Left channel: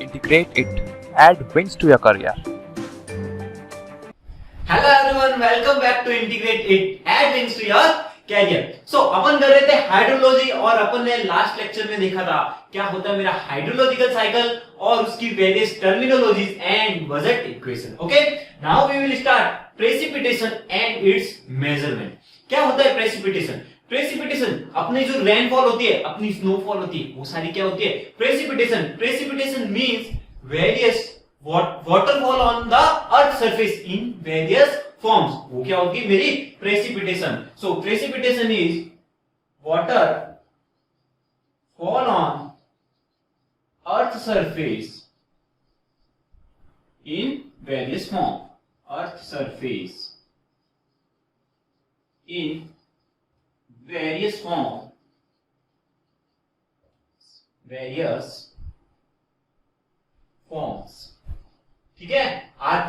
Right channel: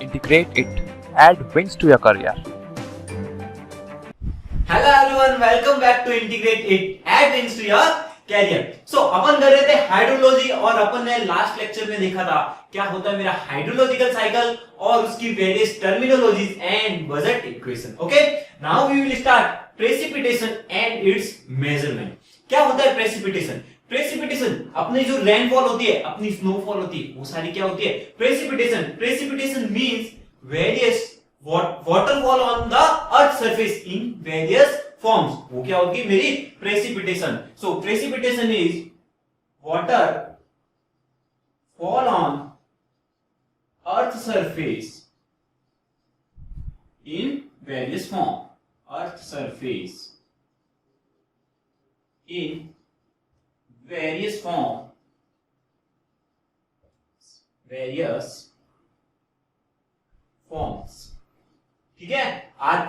Integrate it. Add wings to your career. Hello everyone, welcome back to integrate it ed wings to your career. So अपन कर रहे थे hydrology और अपन ने last lecture में देखा था क्या होता है मेरा हाइड्रोलॉजिकल साइकिल और उसकी various terminologies and budget equation. Okay, now we will start precipitation and its measurement. क्या होता है प्रेसिपिटेशन? प्रेसिपिटेशन अपनी जो रेनफॉल होती है, अपनी स्नोफॉल होती है, वो सारी क्या होती है? Precipitation means various waterfall on the earth surface in various forms। वो क्या होगी मेरी precipitation. So precipitation is water fall on earth surface in various form। earth surface in various form, various forms, ठीक है, are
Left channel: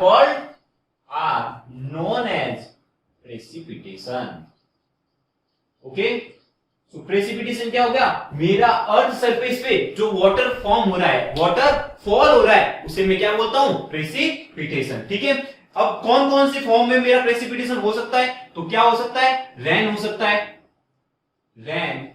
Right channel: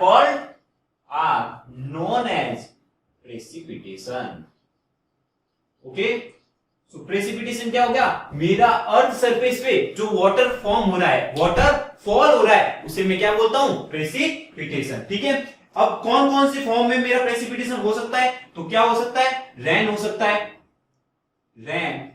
known as precipitation. Okay, so precipitation क्या हो गया? मेरा अर्थ सरफेस पे जो वाटर फॉर्म हो रहा है, वाटर फॉल हो रहा है, उसे मैं क्या बोलता हूं? प्रेसिपिटेशन। ठीक है, अब कौन कौन सी फॉर्म में मेरा प्रेसिपिटेशन हो सकता है? तो क्या हो सकता है? रेन हो सकता है, रेन,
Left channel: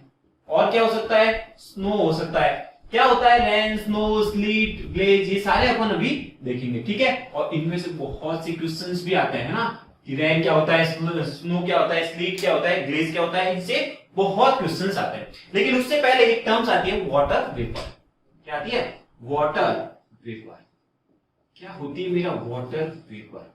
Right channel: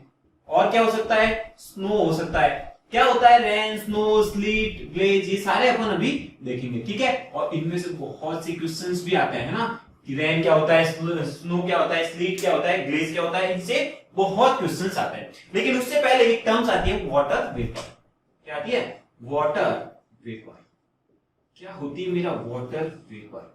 और क्या हो सकता है? स्नो हो सकता है। क्या होता है? रेन, स्नो, स्लीट, ग्लेज, ये सारे अपन अभी देखेंगे। ठीक है, और इनमें से बहुत से क्वेश्चंस भी आते हैं ना कि रेन क्या होता है, स्नो क्या होता है, स्लीट क्या होता है, ग्लेज क्या होता है, इनसे बहुत क्वेश्चंस आते हैं। लेकिन उससे पहले एक टर्म्स आती है वाटर वेपर। क्या आती है? Water vapour. क्या होती है मेरा वाटर वेपर?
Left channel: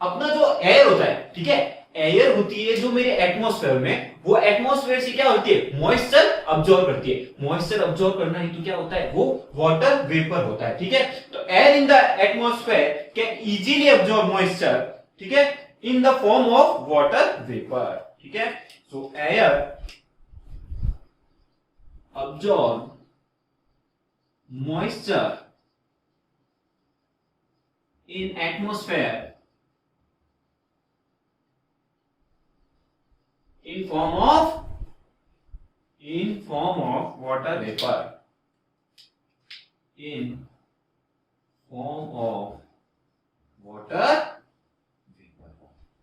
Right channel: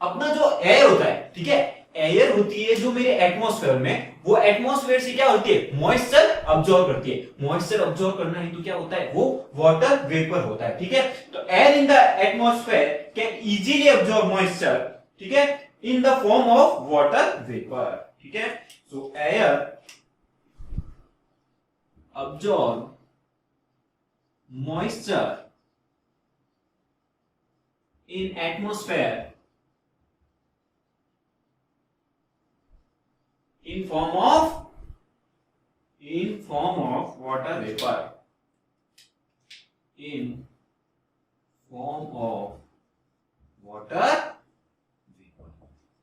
अपना जो एयर होता है, ठीक है, एयर होती है जो मेरे एटमॉस्फेयर में, वो एटमॉस्फेयर से क्या होती है? मॉइस्चर अब्सॉर्ब करती है। मॉइस्चर अब्सॉर्ब करना है तो क्या होता है? वो वाटर वेपर होता है। ठीक है, तो air in the atmosphere can easily absorb moisture, ठीक है, in the form of water vapour. ठीक है, सो air absorb moisture in atmosphere in form of water vapor, in form of water vapor।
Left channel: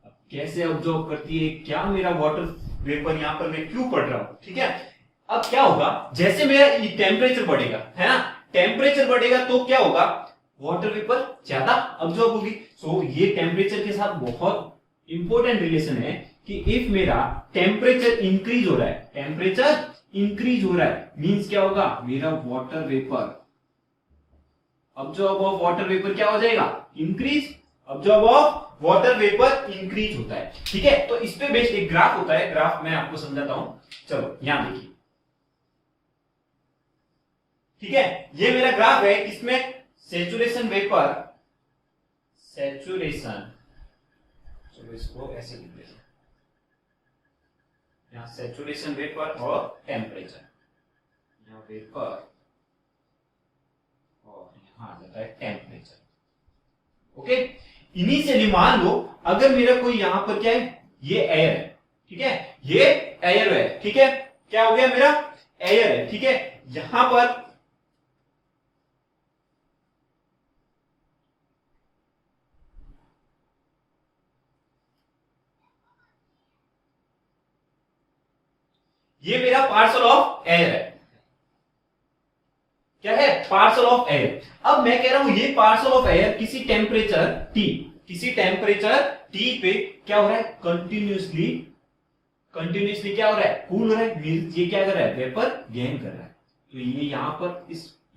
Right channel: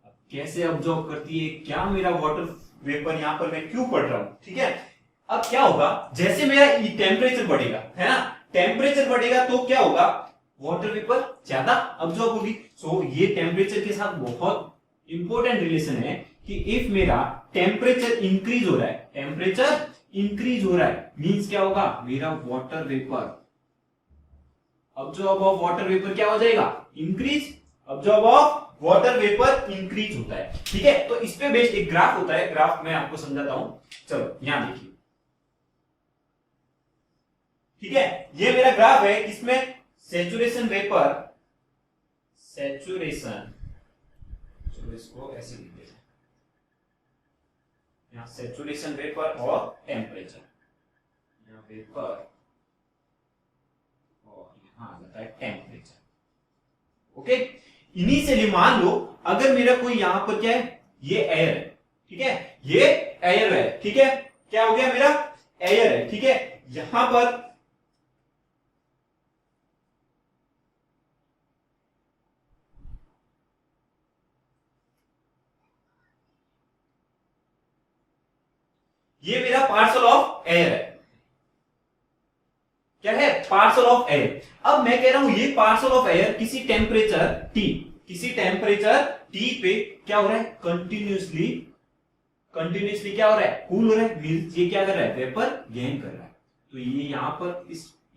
अब कैसे ऑब्जॉर्व करती है? क्या मेरा वाटर वेपर यहां पर मैं क्यों पढ़ रहा हूं? ठीक है, अब क्या होगा? जैसे मेरा टेम्परेचर बढ़ेगा, है ना, टेम्परेचर बढ़ेगा तो क्या होगा? वाटर वेपर ज्यादा ऑब्जॉर्व होगी। सो ये टेम्परेचर के साथ बहुत इंपॉर्टेंट रिलेशन है कि इफ मेरा टेम्परेचर इंक्रीज हो रहा है, टेम्परेचर इंक्रीज हो रहा है मींस क्या होगा? मेरा water vapour, absorb of water vapour क्या हो जाएगा? Increase. Absorb of water vapour increase होता है। ठीक है, तो इस पे बेस्ड एक ग्राफ होता है, ग्राफ मैं आपको समझाता हूं। चलो यहां देखिए, ठीक है, ये मेरा ग्राफ है, इसमें सैचुरेशन वेपर, सैचुरेशन, चलो इसको ऐसे लिख देते हैं, यहाँ सैचुरेशन वेपर और टेम्परेचर, यहाँ वेपर और यहाँ आ जाता है टेम्परेचर। ओके, इनिशियली मान लो अगर मेरा कोई यहां पर क्या है? ये एयर है, ठीक है, ये एयर है, ठीक है, क्या हो गया? मेरा एयर है, ठीक है, यहां पर ये मेरा पार्सल ऑफ एयर है। क्या है? Parcel of air. अब मैं कह रहा हूं ये पार्सल ऑफ एयर किसी टेम्परेचर टी, किसी टेम्परेचर टी पे क्या हो रहा है? कंटिन्यूसली क्या हो रहा है? कूल हो रहा है। मींस ये क्या कर रहा है? वेपर गेन कर रहा है। तो ये यहां पर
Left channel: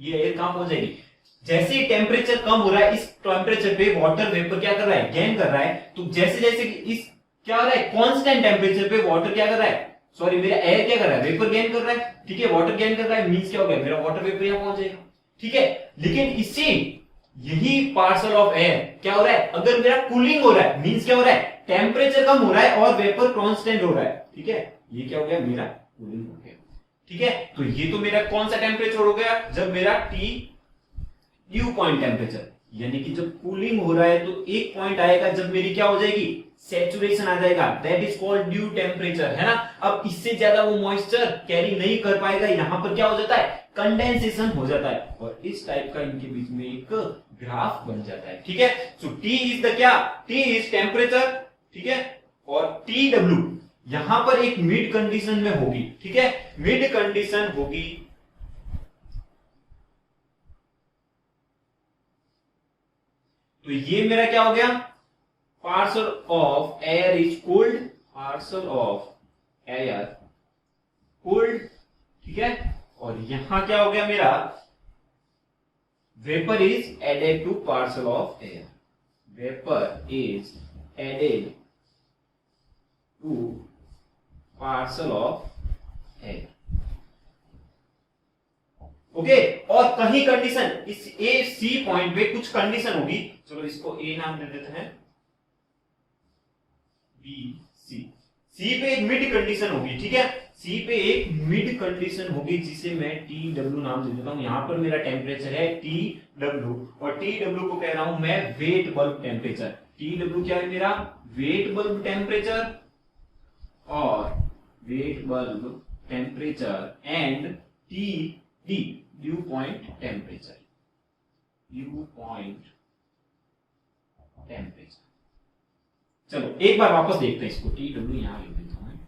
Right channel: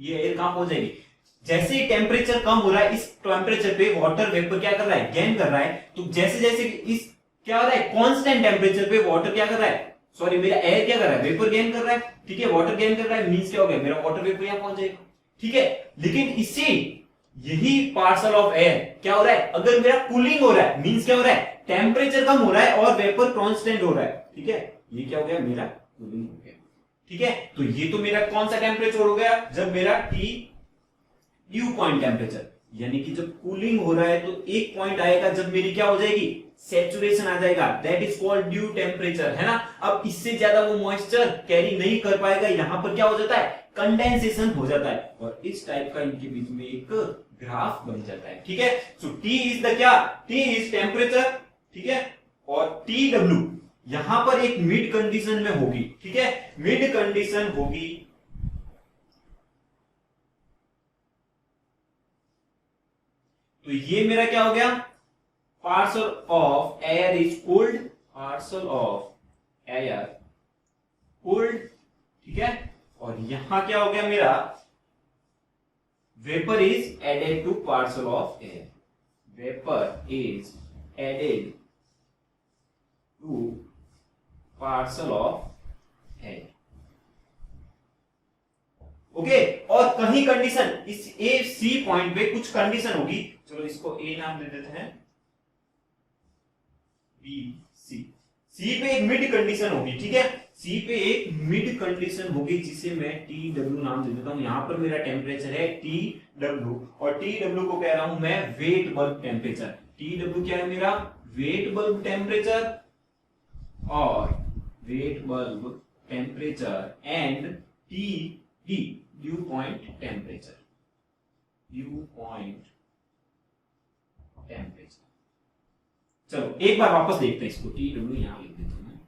ये एयर कहां पहुंच जाएगी? जैसे ही टेम्परेचर कम हो रहा है, इस टेम्परेचर पे वाटर वेपर क्या कर रहा है? गेन कर रहा है। तो जैसे जैसे इस क्या हो रहा है? कांस्टेंट टेम्परेचर पे वाटर क्या कर रहा है? सॉरी, मेरा एयर क्या कर रहा है? वेपर गेन कर रहा है। ठीक है, वाटर गेन कर रहा है मींस क्या हो गया? मेरा वाटर वेपर यहां पहुंच जाएगा। ठीक है, लेकिन इससे यही पार्सल ऑफ एयर क्या हो रहा है? अगर मेरा कूलिंग हो रहा है मींस क्या हो रहा है? टेम्परेचर कम हो रहा है और वेपर कांस्टेंट हो रहा है। ठीक है, ये क्या हो गया? मेरा कूलिंग हो गया। ठीक है, तो ये तो मेरा कौन सा टेम्परेचर हो गया? जब मेरा टी ड्यू पॉइंट टेम्परेचर, यानी कि जब कूलिंग हो रहा है तो एक पॉइंट आएगा जब मेरी क्या हो जाएगी? सैचुरेशन आ जाएगा, that is called due temperature, है ना। अब इससे ज्यादा वो मॉइस्चर कैरी नहीं कर पाएगा, यहां पर क्या हो जाता है, कंडेंसेशन हो जाता है, और इस टाइप का इनके बीच में एक ग्राफ बन जाता है, ठीक है। सो टी इज द क्या, टी इज टेम्परेचर, ठीक है, और टी डब्ल्यू यहां पर एक मिड कंडीशन में होगी, ठीक है, मिड कंडीशन होगी, तो ये मेरा क्या हो गया, parcel of air is cold, parcel of air cold, ठीक है, और यहां क्या हो गया मेरा, vapour is added to parcel of air, vapour is added to parcel of air, okay. और कहीं कंडीशन इस ए सी पॉइंट पे कुछ कंडीशन होगी, चलो इसको ए नाम दे देते हैं, बी सी, सी पे एक मिड कंडीशन होगी, ठीक है, सी पे एक मिड कंडीशन होगी जिसे मैं टी डब्ल्यू नाम दे देता हूं। यहां पर मेरा टेम्परेचर है टी डब्ल्यू, और टी डब्ल्यू को कह रहा हूं मैं wet bulb temperature, T W क्या है मेरा, वेट बल्ब टेम्परेचर, और wet bulb temperature, and T D due point temperature, due point temperature. चलो एक बार वापस देखते हैं इसको, टी डब्ल्यू यहां लिख देता हूं मैं,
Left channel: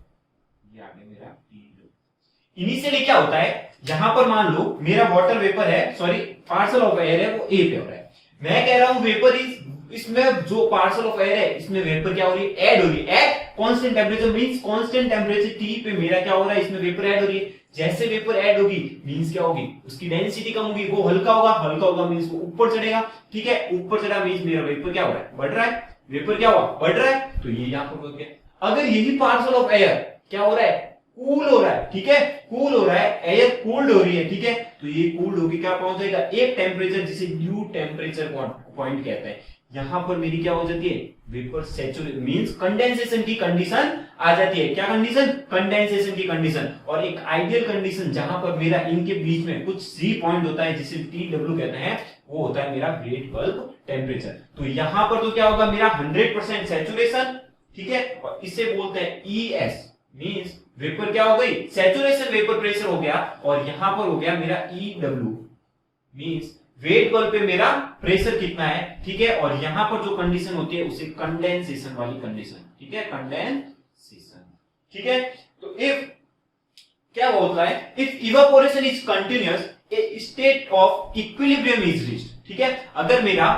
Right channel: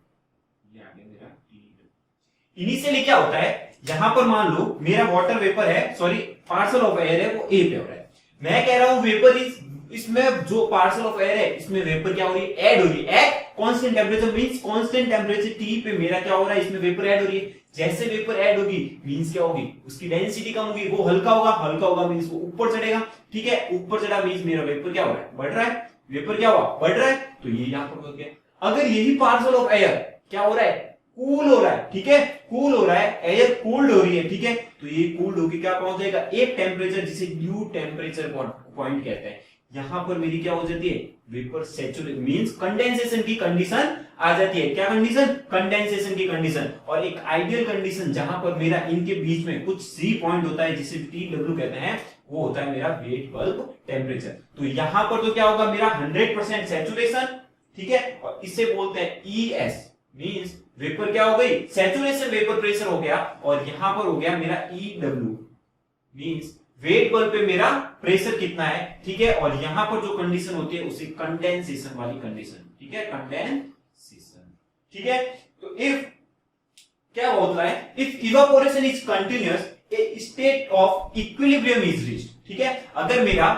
ये आ गया मेरा टी डब्ल्यू। इनिशियली क्या होता है, यहां पर मान लो मेरा वाटर वेपर है, सॉरी पार्सल ऑफ एयर है, वो ए पे हो रहा है, मैं कह रहा हूं वेपर इज, इसमें जो पार्सल ऑफ एयर है इसमें वेपर क्या हो रही है, ऐड हो रही है, at constant temperature, means constant temperature T पे मेरा क्या हो रहा है, इसमें वेपर ऐड हो रही है। जैसे वेपर ऐड होगी मींस क्या होगी, उसकी डेंसिटी कम होगी, वो हल्का होगा, हल्का होगा मींस वो ऊपर चढ़ेगा, ठीक है, ऊपर चढ़ा मींस मेरा वेपर क्या हो रहा है, बढ़ रहा है, वेपर क्या हुआ, बढ़ रहा है, तो ये यहां पर हो गया। अगर यही पार्सल ऑफ एयर क्या हो रहा है, कूल हो रहा है, ठीक है, कूल हो रहा है, एयर कूल्ड हो रही है, ठीक है, तो ये कूल्ड होगी क्या पहुंच जाएगा, एक टेम्परेचर जिसे ड्यू टेम्परेचर पॉइंट कहते हैं, यहां पर मेरी क्या हो जाती है, वेपर सैचुरेशन मींस कंडेंसेशन की कंडीशन आ जाती है, क्या कंडीशन, कंडेंसेशन की कंडीशन, और एक आइडियल कंडीशन जहां पर मेरा इनके बीच में कुछ सी पॉइंट होता है जिसे टी डब्ल्यू कहते हैं, वो होता है मेरा वेट बल्ब टेम्परेचर। तो यहां पर तो क्या होगा मेरा 100% सैचुरेशन, ठीक है, और इसे बोलते हैं ES, मींस वेपर क्या हो गई, सैचुरेशन वेपर प्रेशर हो गया, और यहां पर हो गया मेरा EW, मींस वेट बल्ब पे मेरा प्रेशर कितना है, ठीक है, और यहां पर जो कंडीशन होती है उसे कंडेंसेशन वाली कंडीशन, ठीक है, कंडेंसेशन, ठीक है। तो इफ क्या होता है, if evaporation is continuous A state of equilibrium is reached, ठीक है, अगर मेरा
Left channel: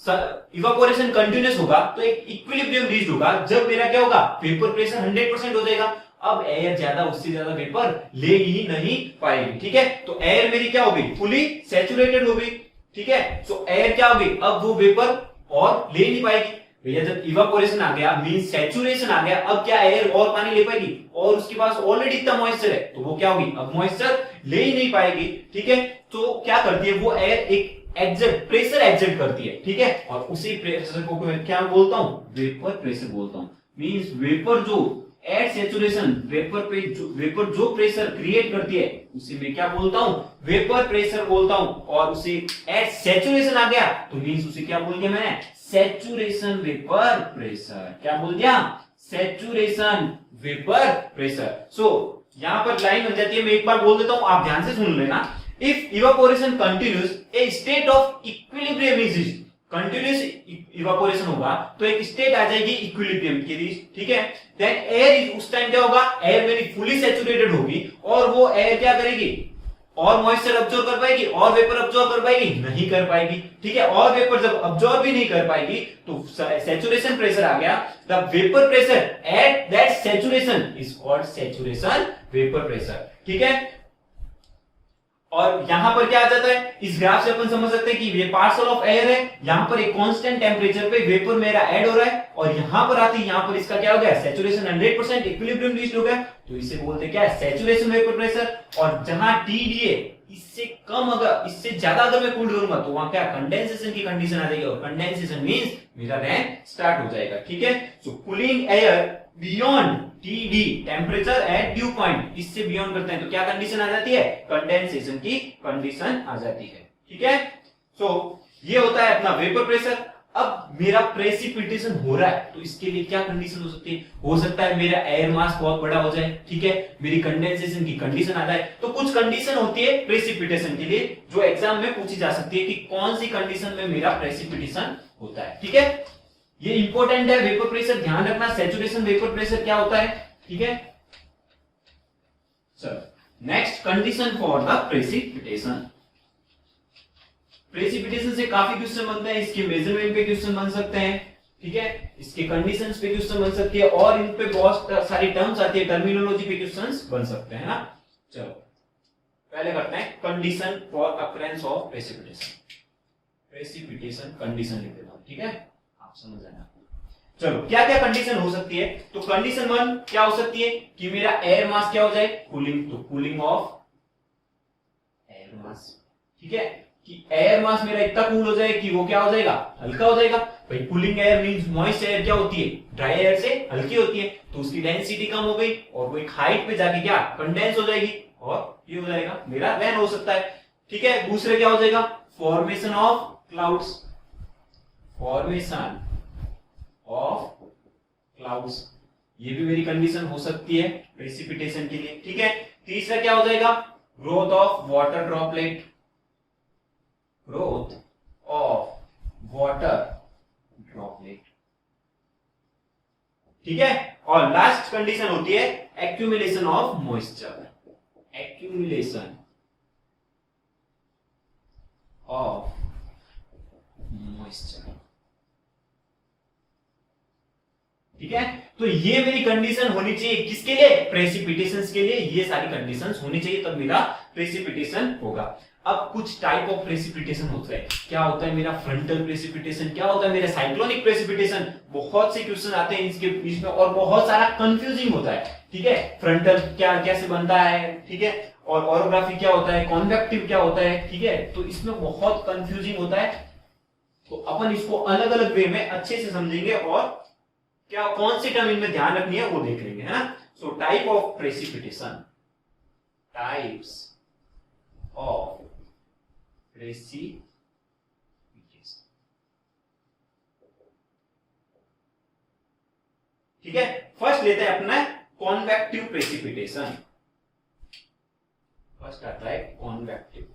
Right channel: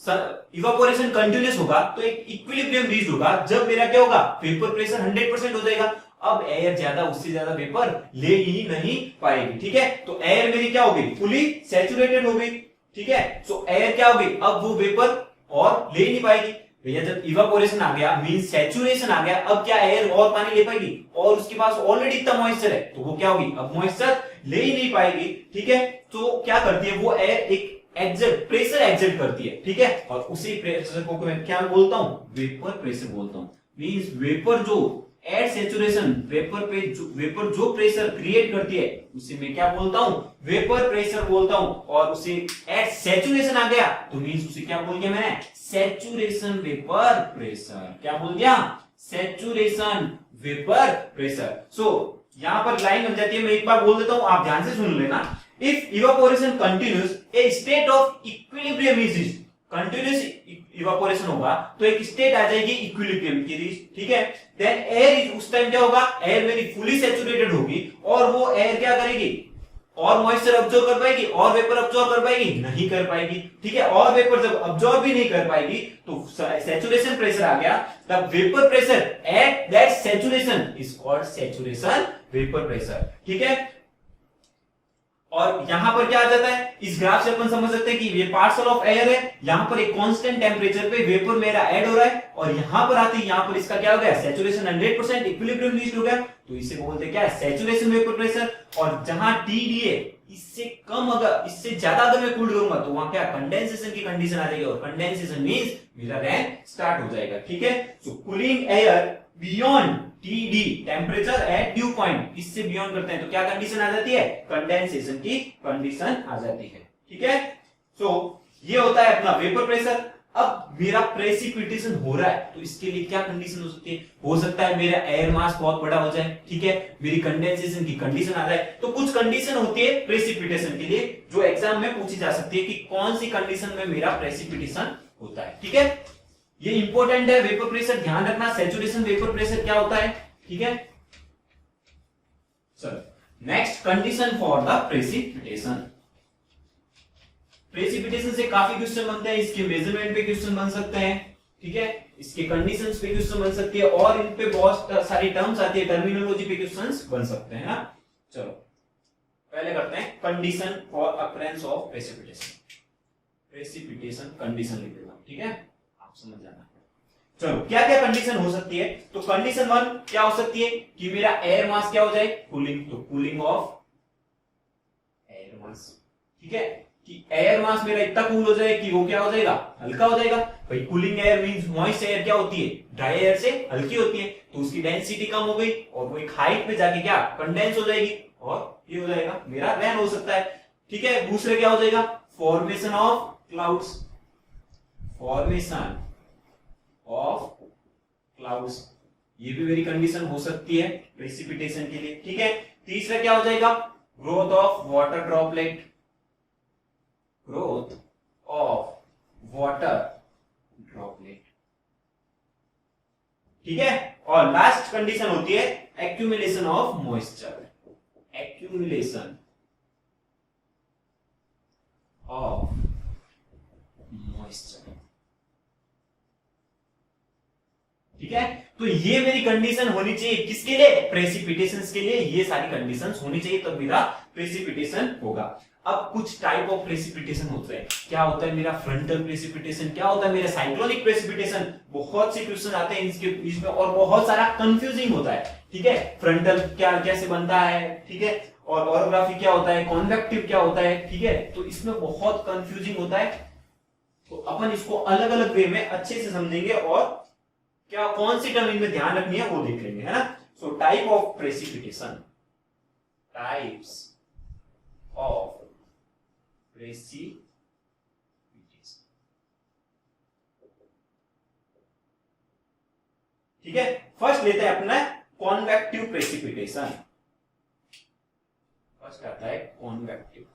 इवापोरेशन कंटिन्यूअस होगा तो एक इक्विलिब्रियम रीच्ड होगा, जब मेरा क्या होगा, वेपर प्रेशर 100% हो जाएगा, अब एयर ज्यादा उससे ज्यादा वेपर ले ही नहीं पाएगी, ठीक है, तो एयर मेरी क्या हो गई, फुली सैचुरेटेड हो गई, ठीक है, सो एयर क्या हो गई, अब वो वेपर और ले नहीं पाएगी भैया, जब इवापोरेशन आ गया मींस सैचुरेशन आ गया, अब क्या एयर और पानी ले पाएगी, और उसके पास ऑलरेडी इतना मॉइस्चर है, तो वो क्या होगी, अब मॉइस्चर ले ही नहीं पाएगी, ठीक है, तो क्या करती है वो एयर, एक एग्जर्ट प्रेशर एग्जर्ट करती है, ठीक है, और उसी प्रेशर को मैं क्या बोलता हूं, वेपर प्रेशर बोलता हूं, मींस वेपर जो एट सैचुरेशन वेपर जो प्रेशर क्रिएट करती है उसे मैं क्या बोलता हूं, वेपर प्रेशर बोलता हूं, और उसे एट सैचुरेशन आ गया तो मींस उसे क्या बोल दिया मैंने, सैचुरेशन वेपर प्रेशर, क्या बोल दिया, सैचुरेशन वेपर प्रेशर। सो यहां पर लाइन बन जाती है, मैं एक बार बोल देता हूं, आप ध्यान से सुन लेना, if evaporation continuous A state of equilibrium is reached, continuous evaporation होगा तो एक स्टेट आ जाएगी इक्विलिब्रियम की, ठीक है, देन एयर इज, उस टाइम क्या होगा, एयर मेरी फुली सैचुरेटेड होगी, और वो एयर क्या करेगी, और मॉइस्चर अब्सॉर्ब कर पाएगी, और वेपर अब्सॉर्ब कर पाएगी, नहीं कर पाएगी, ठीक है, और वेपर जब अब्सॉर्ब भी नहीं कर पाएगी तो सैचुरेशन प्रेशर आ गया, the vapour pressure at that saturation is called saturation vapour pressure, ठीक है। और यहां पर क्या आ जाता है, इस ग्राफ से अपन समझ सकते हैं कि ये पार्सल ऑफ एयर है, यहां पर एक कांस्टेंट टेम्परेचर पे वेपर मेरा ऐड हो रहा है, और यहां पर आते ही यहां पर इसका क्या हो गया, सैचुरेशन 100% इक्विलिब्रियम रीच्ड हो गया, तो इसे बोलते हैं क्या, सैचुरेशन वेपर प्रेशर। और जहां TD है इससे कम, अगर इससे ज्यादा अगर मैं कूल करूंगा तो वहां क्या, कंडेंसेशन की कंडीशन आ जाएगी, और कंडेंसेशन मींस मेरा रैन स्टार्ट हो जाएगा, ठीक है। So cooling air beyond TD temperature at dew point, इससे बियॉन्ड करते हैं तो क्या कंडीशन आ जाती है, कंडेंसेशन की कंडीशन आ जाती है, ठीक है। सो ये होता है अपना वेपर प्रेशर। अब मेरा प्रेसिपिटेशन हो रहा है, तो इसके लिए क्या कंडीशन हो सकती है? हो सकता है मेरा एयर मास बहुत बड़ा हो जाए, ठीक है, मेरी कंडेंसेशन की कंडीशन आ जाए। तो कुछ कंडीशन होती है प्रेसिपिटेशन के लिए जो एग्जाम में पूछी जा सकती है कि कौन सी कंडीशन में मेरा प्रेसिपिटेशन होता है, ठीक है। ये इंपॉर्टेंट है, वेपर प्रेशर ध्यान रखना, सैचुरेशन वेपर प्रेशर क्या होता है, ठीक है। चलो next, condition for the precipitation. Precipitation से काफी क्वेश्चन बनते हैं, इसके मेजरमेंट पे क्वेश्चन बन सकते हैं, ठीक है, इसके कंडीशंस पे क्वेश्चन बन सकती है, और इन पे बहुत सारी टर्म्स आती है, टर्मिनोलॉजी पे क्वेश्चंस बन सकते हैं ना। चलो पहले करते हैं condition for occurrence of precipitation. Precipitation condition लिख देता हूं, ठीक है, आप समझ जाना। चलो क्या क्या कंडीशन हो सकती है? तो कंडीशन 1 क्या हो सकती है कि मेरा एयर मास क्या हो जाए, कूलिंग, तो कूलिंग ऑफ एयर मास, ठीक है, कि एयर मास मेरा इतना कूल हो जाए कि वो क्या हो जाएगा, हल्का हो जाएगा। भाई cooling air means moist air क्या होती है, ड्राई एयर से हल्की होती है, तो उसकी डेंसिटी कम हो गई और वो एक हाइट पे जाके क्या कंडेंस हो जाएगी और ये हो जाएगा मेरा रैन हो सकता है, ठीक है। दूसरे क्या हो जाएगा, formation of clouds, formation of clouds, ये भी मेरी कंडीशन हो सकती है प्रेसिपिटेशन के लिए, ठीक है। तीसरा क्या हो जाएगा, growth of water droplet, growth of water droplet, ठीक है। और लास्ट कंडीशन होती है accumulation of moisture, accumulation of moisture, ठीक है। तो ये मेरी कंडीशन होनी चाहिए किसके लिए, प्रेसिपिटेशन के लिए, ये सारी कंडीशंस होनी चाहिए तब मेरा प्रेसिपिटेशन होगा। अब कुछ टाइप ऑफ प्रेसिपिटेशन होता है, क्या होता है मेरा फ्रंटल प्रेसिपिटेशन, क्या होता है मेरा साइक्लोनिक प्रेसिपिटेशन, बहुत से क्वेश्चन आते हैं इसके इसमें और बहुत सारा कंफ्यूजिंग होता है, ठीक है। फ्रंटल क्या कैसे बनता है, ठीक है, और ऑरोग्राफी क्या होता है, कॉन्वेक्टिव क्या होता है, ठीक है, तो इसमें बहुत कंफ्यूजिंग होता है। तो अपन इसको अलग अलग वे में अच्छे से समझेंगे और क्या कौन सी टर्म इनमें ध्यान रखनी है वो देख लेंगे, है ना। So type of precipitation, types of precipitation, ठीक है। फर्स्ट लेते हैं अपना कॉन्वेक्टिव प्रेसिपिटेशन। फर्स्ट आता है कॉन्वेक्टिव,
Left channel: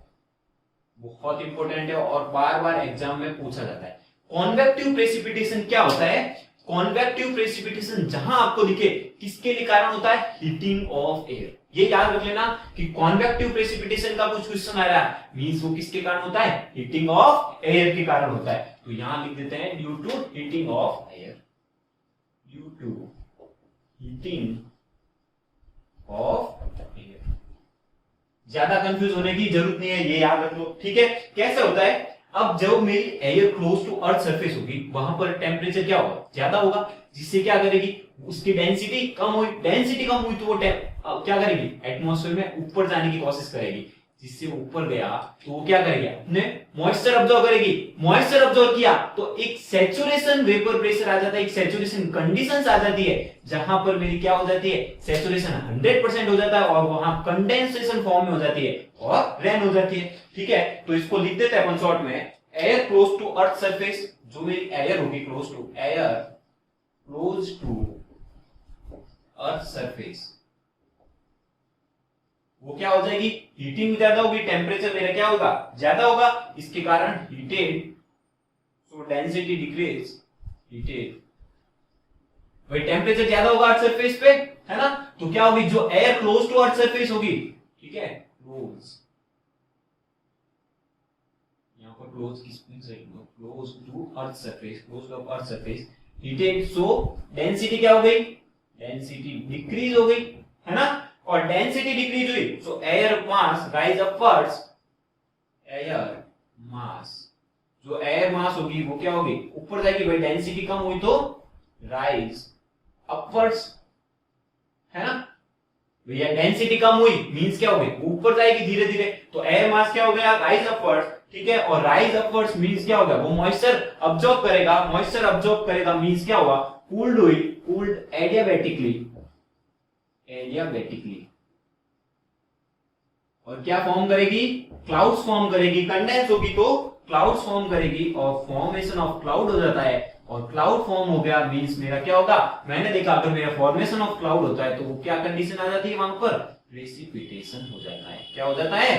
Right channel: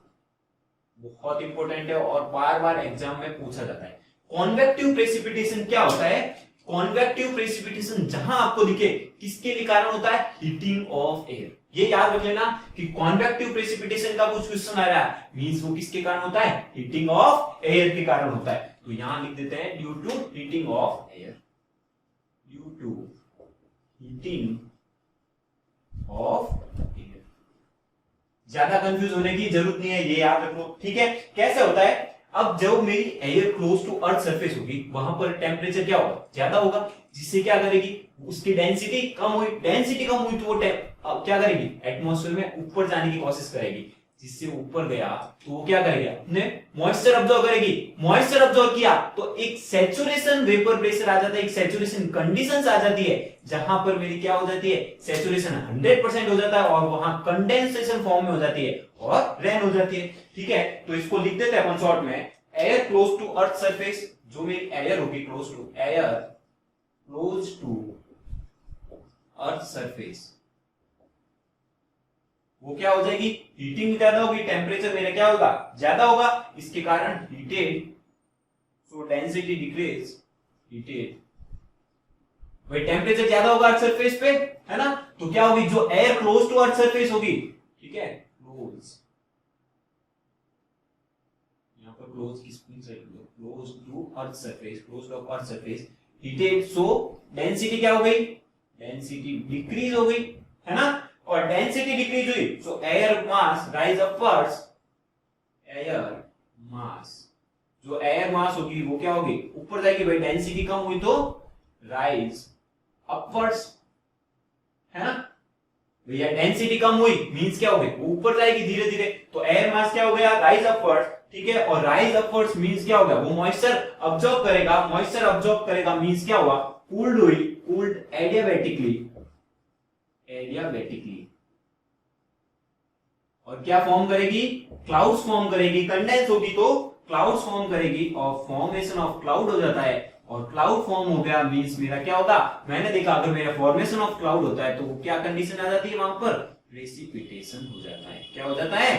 बहुत इंपॉर्टेंट है और बार बार एग्जाम में पूछा जाता है। कॉन्वेक्टिव प्रेसिपिटेशन क्या होता है, कॉन्वेक्टिव प्रेसिपिटेशन जहां आपको दिखे किसके लिए कारण होता है, हीटिंग ऑफ एयर। ये याद रख लेना कि कॉन्वेक्टिव प्रेसिपिटेशन का कुछ क्वेश्चन आ रहा है मींस वो किसके कारण होता है, हीटिंग ऑफ एयर के कारण होता है। तो यहां लिख देते हैं due to heating of air, due to heating of air. ज्यादा कंफ्यूज होने की जरूरत नहीं है, ये याद रख लो, ठीक है। कैसे होता है, अब जब मेरी air close to earth surface होगी वहां पर टेम्परेचर क्या होगा, ज्यादा होगा, जिससे क्या करेगी, उसकी डेंसिटी कम हुई, डेंसिटी कम हुई तो वो क्या करेगी, एटमॉस्फेयर में ऊपर जाने की कोशिश करेगी, जिससे ऊपर गया तो वो क्या करेगा, अपने मॉइस्चर ऑब्जॉर्व करेगी। मॉइस्चर ऑब्जॉर्व किया तो एक सैचुरेशन वेपर प्रेशर आ जाता है, एक सैचुरेशन कंडीशंस आ जाती है जहां पर मेरी क्या हो जाती है, सैचुरेशन 100% हो जाता है और वहां कंडेंसेशन फॉर्म में हो जाती है और रेन हो जाती है, ठीक है। तो इसको लिख देते हैं अपन शॉर्ट में, air close to earth surface, जो मेरी एयर होगी close to, air close to earth surface, वो क्या हो जाएगी, हीटिंग ज्यादा होगी, टेम्परेचर मेरा क्या होगा, ज्यादा होगा, इसके कारण heated, so density decrease, heated, भाई टेम्परेचर ज्यादा होगा अर्थ सरफेस पे, है ना, तो क्या होगी, जो air close to earth surface होगी, ठीक है, क्लोज, यहां पर क्लोज की स्पेलिंग सही लो, close to earth surface, close to earth surface, heated, so density क्या हो गई, डेंसिटी डिक्रीज हो गई, है ना, और डेंसिटी डिक्रीज हुई, सो air mass rise upwards, air mass, जो एयर मास होगी वो क्या होगी, ऊपर जाएगी, भाई डेंसिटी कम हुई तो राइज अपवर्ड्स, है ना, भैया डेंसिटी कम हुई मींस क्या हो गई, ऊपर जाएगी धीरे धीरे, तो एयर मास क्या हो गया, राइज अपवर्ड्स, ठीक है, और राइज अपवर्ड्स मींस क्या होगा, वो मॉइस्चर अब्सॉर्ब करेगा, मॉइस्चर अब्सॉर्ब करेगा मींस क्या हुआ, कूल्ड हुई, कूल्ड एडियाबैटिकली, एडियाबैटिकली, और क्या फॉर्म करेगी, क्लाउड्स फॉर्म करेगी, कंडेंस होगी तो क्लाउड्स फॉर्म करेगी और फॉर्मेशन ऑफ क्लाउड हो जाता है, और क्लाउड फॉर्म हो गया मींस मेरा क्या होगा, मैंने देखा अगर मेरा फॉर्मेशन ऑफ क्लाउड होता है तो वो क्या कंडीशन आ जाती है वहां पर, प्रेसिपिटेशन हो जाता है। क्या हो जाता है,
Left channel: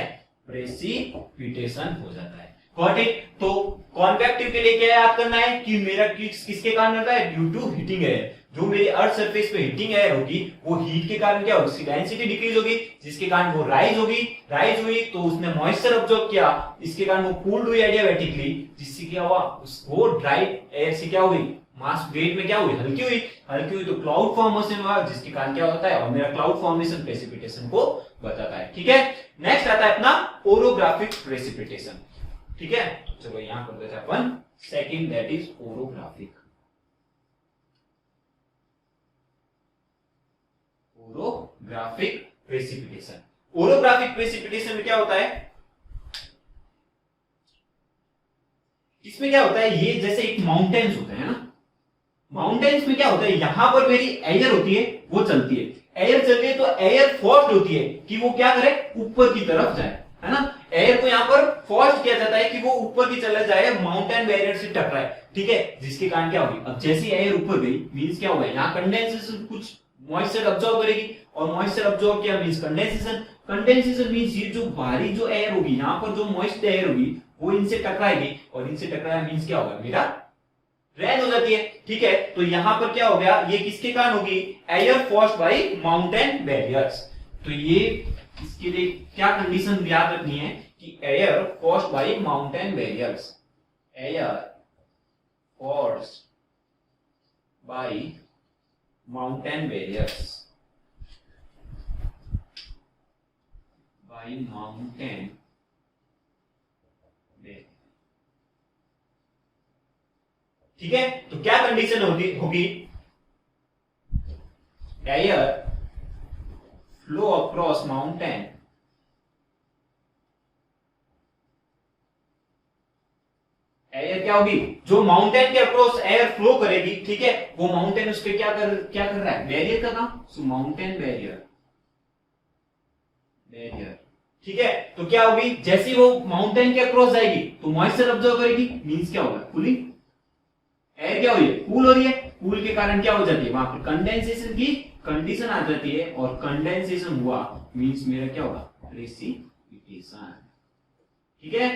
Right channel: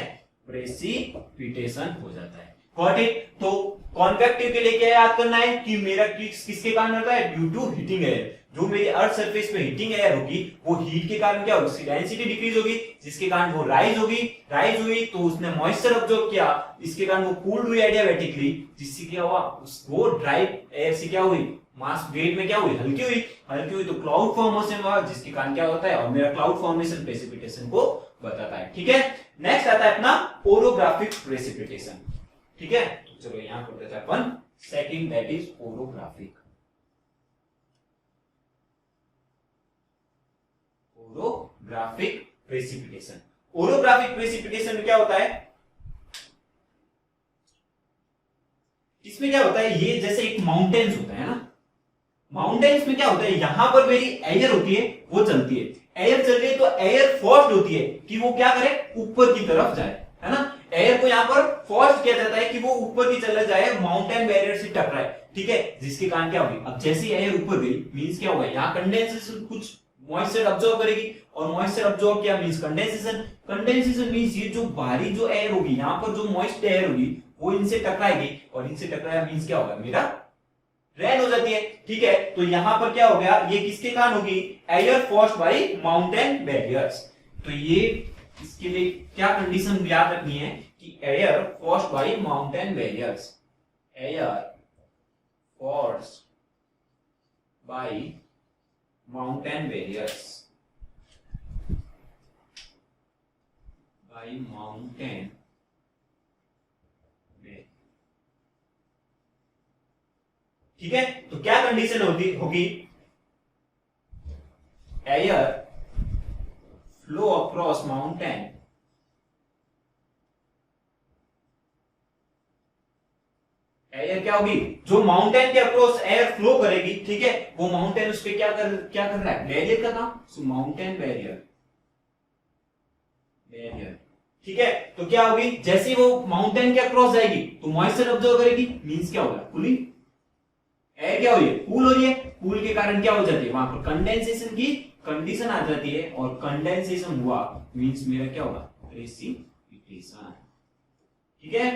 प्रेसिपिटेशन हो जाता है। Got it. तो कॉन्वेक्टिव के लिए क्या याद करना है कि मेरा किसके कारण होता है, ड्यू टू हीटिंग एयर। जो मेरी अर्थ सरफेस पे हीटिंग एयर होगी वो हीट के कारण क्या होगी, उसकी डेंसिटी डिक्रीज होगी, जिसके कारण वो राइज हुई तो उसने मॉइस्चर ऑब्जॉर्ब किया, इसके कारण वो कूल्ड हुई एडियाबैटिकली, जिससे क्या हुआ, उसको ड्राई एयर से क्या हुई, मास वेट में क्या हुई, हल्की हुई तो क्लाउड फॉर्मेशन हुआ, जिसके कारण क्या होता है, और मेरा क्लाउड फॉर्मेशन प्रेसिपिटेशन को बताता है। ठीक है, नेक्स्ट आता है अपना ओरोग्राफिक प्रेसिपिटेशन। ठीक है, चलो यहां कर देते हैं अपन second, that is orographic. Orographic precipitation. Orographic precipitation में क्या होता है, इसमें क्या होता है, ये जैसे एक माउंटेन्स होते हैं ना, माउंटेन्स में क्या होता है, यहां पर मेरी एयर होती है वो चलती है, एयर चल रही है तो एयर फोर्स्ड होती है कि वो क्या करे, ऊपर की तरफ जाए, है ना। एयर को यहाँ पर फोर्स किया जाता है कि वो ऊपर की चले जाए, माउंटेन बैरियर से टकराए। ठीक है, जिसके कारण क्या होगी, अब जैसी एयर ऊपर गई मींस क्या होगा, यहाँ कंडेंसेशन, कुछ मॉइस्चर अब्सॉर्ब करेगी, और मॉइस्चर अब्सॉर्ब किया मींस कंडेंसेशन मींस ये जो बाहरी जो एयर होगी, यहाँ पर जो मॉइस्ट एयर होगी वो इनसे टकराएगी, और इनसे टकराया मींस क्या होगा, मेरा रेन हो जाती है। ठीक है, तो यहां पर क्या हो गया, ये किसके कारण होगी, air forced by mountain barriers. तो ये इसके लिए क्या कंडीशन याद रखनी है कि air forced by mountain barriers, air forced by mountain barriers, by mountain. ठीक है, तो क्या कंडीशन होगी, air flow across mountain, air क्या होगी, जो माउंटेन के अक्रॉस एयर फ्लो करेगी, ठीक है, वो माउंटेन उस पे क्या कर रहा है, बैरियर का काम, सो माउंटेन बैरियर। ठीक है, तो क्या होगी, जैसी वो माउंटेन के अक्रॉस जाएगी तो मॉइस्चर ऑब्जर्व करेगी, मींस क्या होगा, कूलिंग, एयर क्या हो रही है, कूल हो रही है, कूल के कारण क्या हो जाती है, वहां पर कंडेंसेशन की कंडीशन आ जाती है, और कंडेंसेशन हुआ मींस मेरा क्या होगा, प्रेसिपिटेशन। ठीक है,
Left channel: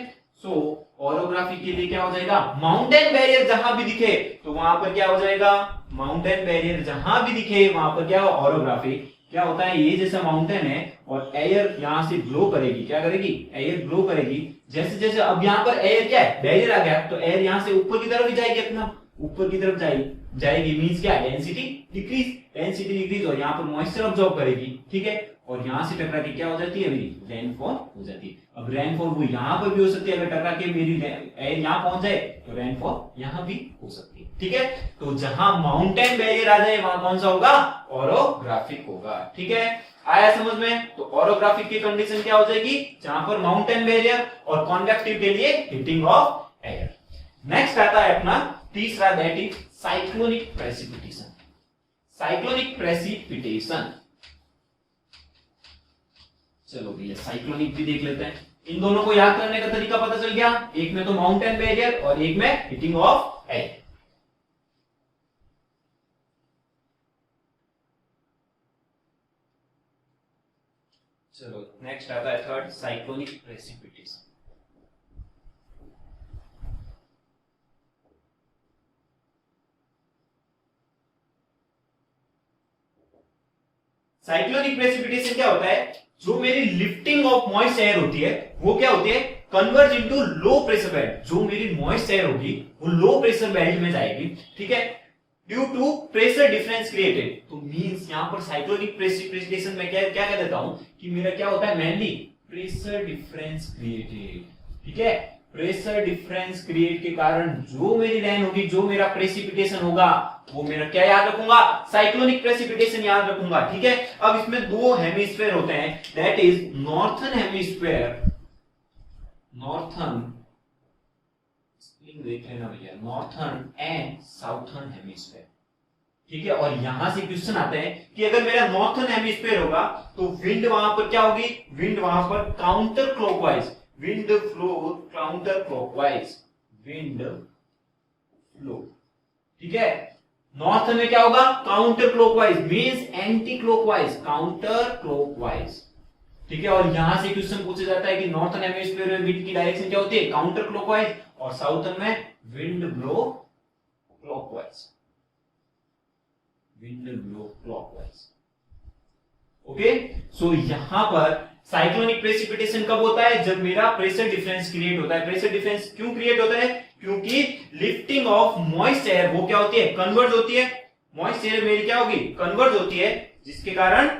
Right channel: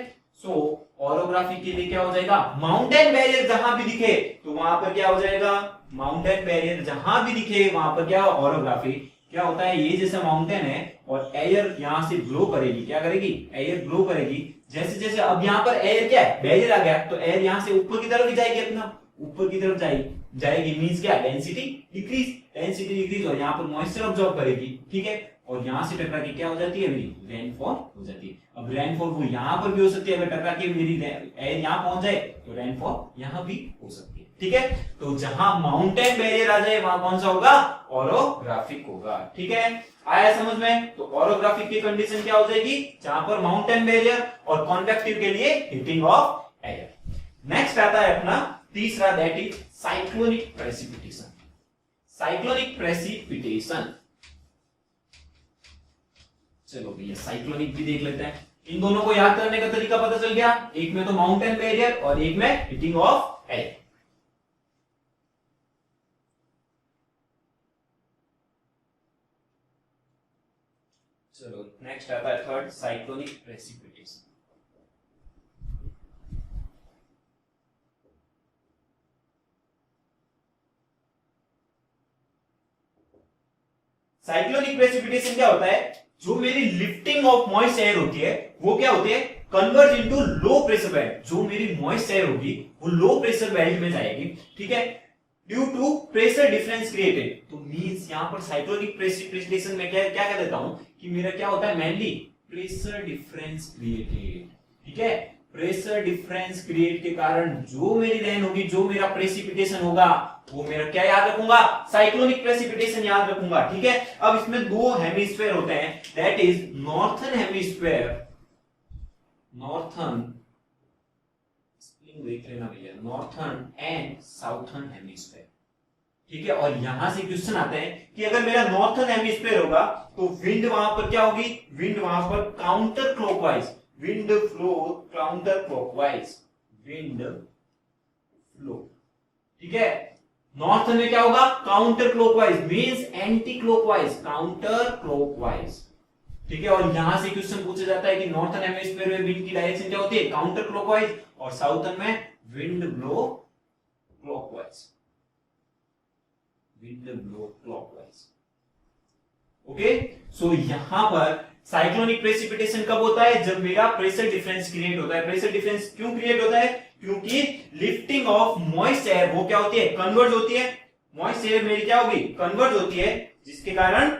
सो ओरोग्राफी के लिए क्या हो जाएगा, माउंटेन बैरियर जहां भी दिखे तो वहां पर क्या हो जाएगा, माउंटेन बैरियर जहां भी दिखे वहां पर क्या, ओरोग्राफी। क्या होता है, ये जैसा माउंटेन है और एयर यहां से ब्लो करेगी, क्या करेगी, एयर ब्लो करेगी, जैसे जैसे अब यहां पर एयर क्या है, बैरियर आ गया, तो एयर यहां से ऊपर की तरफ ही जाएगी, अपना ऊपर की तरफ जाएगी मींस क्या, डेंसिटी डिक्रीज, और यहाँ पर मॉइस्चर ऑब्जॉर्ब करेगी। ठीक है, और यहां से टकरा के क्या हो जाती है, मेरी रेनफॉल हो जाती है। अब रेनफॉल वो यहां पर भी हो सकती है, अगर टकरा के मेरी एयर यहां पहुंच जाए तो रेनफॉल यहां भी हो सकती है। ठीक है, तो जहां माउंटेन बैरियर आ जाए वहां कौन सा होगा, ओरोग्राफिक होगा। ठीक है, आया समझ में। तो ओरोग्राफिक की कंडीशन क्या हो जाएगी, जहां पर माउंटेन बैरियर, और कॉन्वेक्टिव के लिए हीटिंग ऑफ एयर। नेक्स्ट आता है अपना तीसरा, that is cyclonic precipitation. Cyclonic precipitation, चलो भैया साइक्लोनिक भी देख लेते हैं। इन दोनों को याद करने का तरीका पता चल गया, एक में तो माउंटेन बैरियर और एक में हीटिंग ऑफ एयर। चलो नेक्स्ट आता है third, cyclonic precipitation. Cyclonic precipitation क्या होता है, जो मेरी लिफ्टिंग ऑफ मॉइस्ट एयर होती है वो क्या होती है, converge into low pressure belt. जो मेरी मॉइस्ट एयर होगी वो लो प्रेशर बेल्ट में जाएगी। ठीक है, due to pressure difference created. तो मींस यहां पर साइक्लोनिक प्रेसिपिटेशन में क्या कह देता हूं कि मेरा क्या होता है, मेनली प्रेशर डिफरेंस क्रिएटेड। ठीक है, प्रेशर डिफरेंस क्रिएट के कारण जो मेरी रेन होगी, जो मेरा प्रेसिपिटेशन होगा, वो मेरा क्या याद रखूंगा, साइक्लोनिक प्रेसिपिटेशन याद रखूंगा। ठीक है, अब इसमें दो हेमिस्फीयर होते हैं, that is northern hemisphere, northern देख लेना भैया, नॉर्थर्न एंड साउथर्न हेमिस्फीयर। ठीक है, और यहां से क्वेश्चन आते हैं कि अगर मेरा नॉर्थर्न हेमिस्फीयर होगा तो विंड वहां पर क्या होगी, विंड वहां पर counter clockwise, wind flow counter clockwise, wind flow, ठीक है। नॉर्थर्न में क्या होगा, counter clockwise means anti clockwise, counter clockwise, ठीक है। और यहां से क्वेश्चन पूछा जाता है कि नॉर्थर्न हेमिस्फीयर में विंड की डायरेक्शन क्या होती है, काउंटर क्लॉकवाइज, और साउथर्न में wind blow clockwise, wind blow clockwise. Okay, so यहां पर साइक्लोनिक प्रेसिपिटेशन कब होता है, जब मेरा प्रेशर डिफरेंस क्रिएट होता है। प्रेशर डिफरेंस क्यों क्रिएट होता है, क्योंकि लिफ्टिंग ऑफ मॉइस्ट एयर वो क्या होती है, कन्वर्ज होती है। मॉइस्ट एयर मेरी क्या होगी, कन्वर्ज होती है, जिसके कारण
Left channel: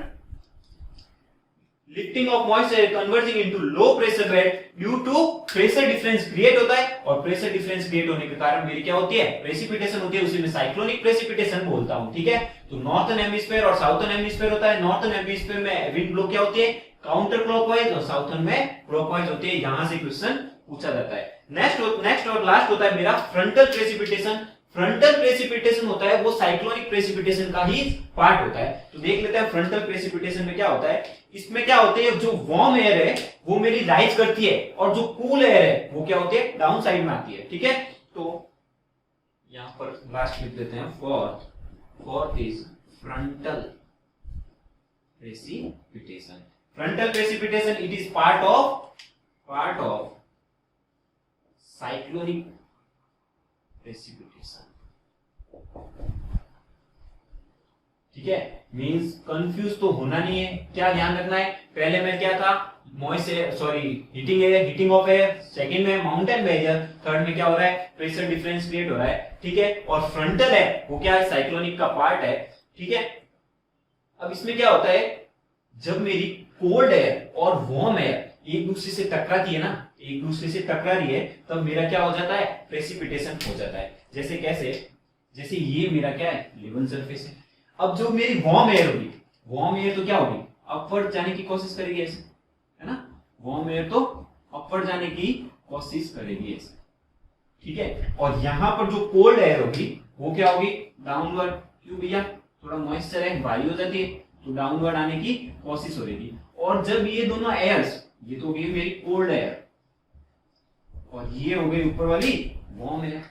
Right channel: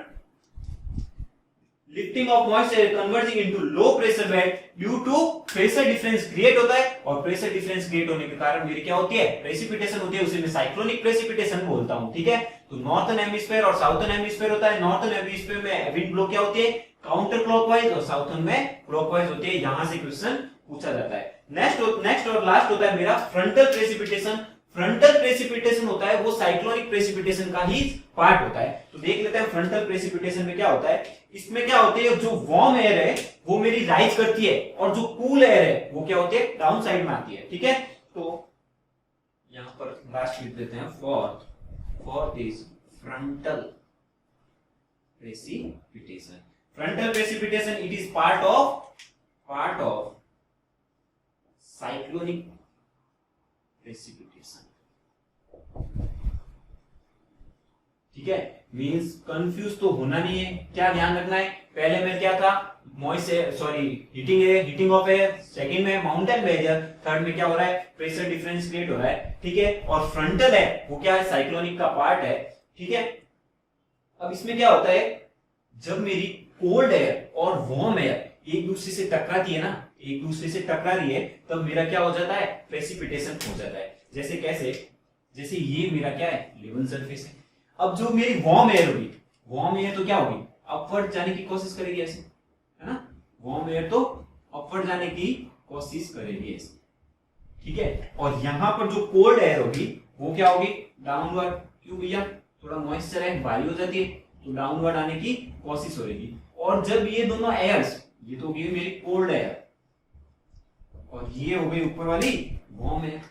lifting of moist air converging into low pressure bed due to pressure difference create होता है। और प्रेशर डिफरेंस क्रिएट होने के कारण मेरी क्या होती है, प्रेसिपिटेशन होती है, उसे मैं साइक्लोनिक प्रेसिपिटेशन बोलता हूं, ठीक है। तो नॉर्थर्न हेमिस्फीयर और साउथर्न हेमिस्फीयर होता है। नॉर्थर्न हेमिस्फीयर में विंड ब्लो क्या होती है, काउंटर क्लॉकवाइज, और साउथर्न में क्लॉकवाइज होती है। यहां से क्वेश्चन पूछा जाता है। नेक्स्ट और लास्ट होता है मेरा फ्रंटल प्रेसिपिटेशन। फ्रंटल प्रेसिपिटेशन होता है वो साइक्लोनिक प्रेसिपिटेशन का ही पार्ट होता है। तो देख लेते हैं फ्रंटल प्रेसिपिटेशन में क्या होता है। इसमें क्या होते हैं, जो वार्म एयर है वो मेरी राइज करती है, और जो कूल एयर है वो क्या होती है, डाउन साइड में आती है, ठीक है। तो यहां पर लास्ट लिख देते हैं, fourth is frontal precipitation. Frontal precipitation it is part of cyclonic precipitation, ठीक है। मींस कंफ्यूज तो होना नहीं है, क्या ध्यान रखना है, पहले में क्या था, हीटिंग ऑफ एयर, सेकंड में माउंटेन बैरियर, थर्ड में क्या हो रहा है, प्रेशर डिफरेंस क्रिएट हो रहा है, ठीक है। और फ्रंटल है वो क्या है, साइक्लोनिक का पार्ट है, ठीक है। अब इसमें क्या होता है, जब मेरी कोल्ड एयर और वार्म एयर एक दूसरे से टकराती है ना, एक दूसरे से टकरा रही है, तब मेरा क्या हो जाता है, प्रेसिपिटेशन हो जाता है। जैसे कैसे, जैसे ये मेरा क्या है, लेवल सरफेस है। अब जो मेरी वार्म एयर होगी, वार्म एयर तो क्या होगी, अपवर्ड जाने की कोशिश करेगी ऐसे, है ना। वार्म एयर तो अपवर्ड जाने की कोशिश करेगी ऐसे, ठीक है। और यहां पर जो कोल्ड एयर होगी वो क्या होगी, डाउनवर्ड। क्यों भैया, थोड़ा मॉइस्चर है, भारी हो जाती है, तो डाउनवर्ड आने की कोशिश होगी। और जब ये दोनों एयर्स, ये तो होगी मेरी कोल्ड एयर, और ये हो गई ऊपर वाली वार्म एयर,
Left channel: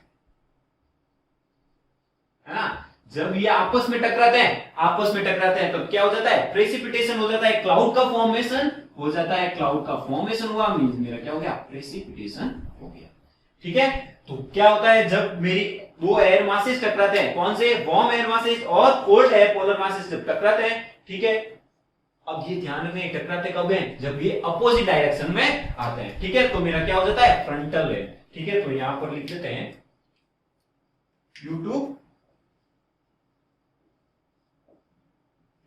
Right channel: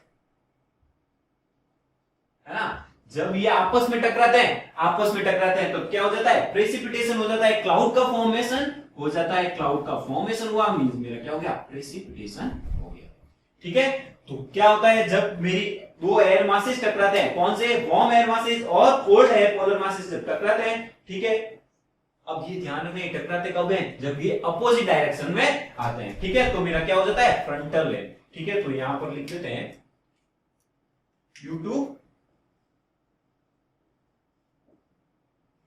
है ना। जब ये आपस में टकराते हैं, तो क्या हो जाता है, प्रेसिपिटेशन हो जाता है, क्लाउड का फॉर्मेशन हो जाता है। क्लाउड का फॉर्मेशन हुआ मींस मेरा क्या हो गया, प्रेसिपिटेशन हो गया, ठीक है। तो क्या होता है, जब मेरी दो एयर मासेस टकराते हैं, कौन से, वार्म एयर मासेस और कोल्ड एयर पोलर मासेस जब टकराते हैं, ठीक है। अब ये ध्यान रखना, टकराते कब हैं, जब ये अपोजिट डायरेक्शन में आते हैं, ठीक है। तो मेरा क्या हो जाता है, फ्रंटल है, ठीक है। तो यहां पर लिख देते हैं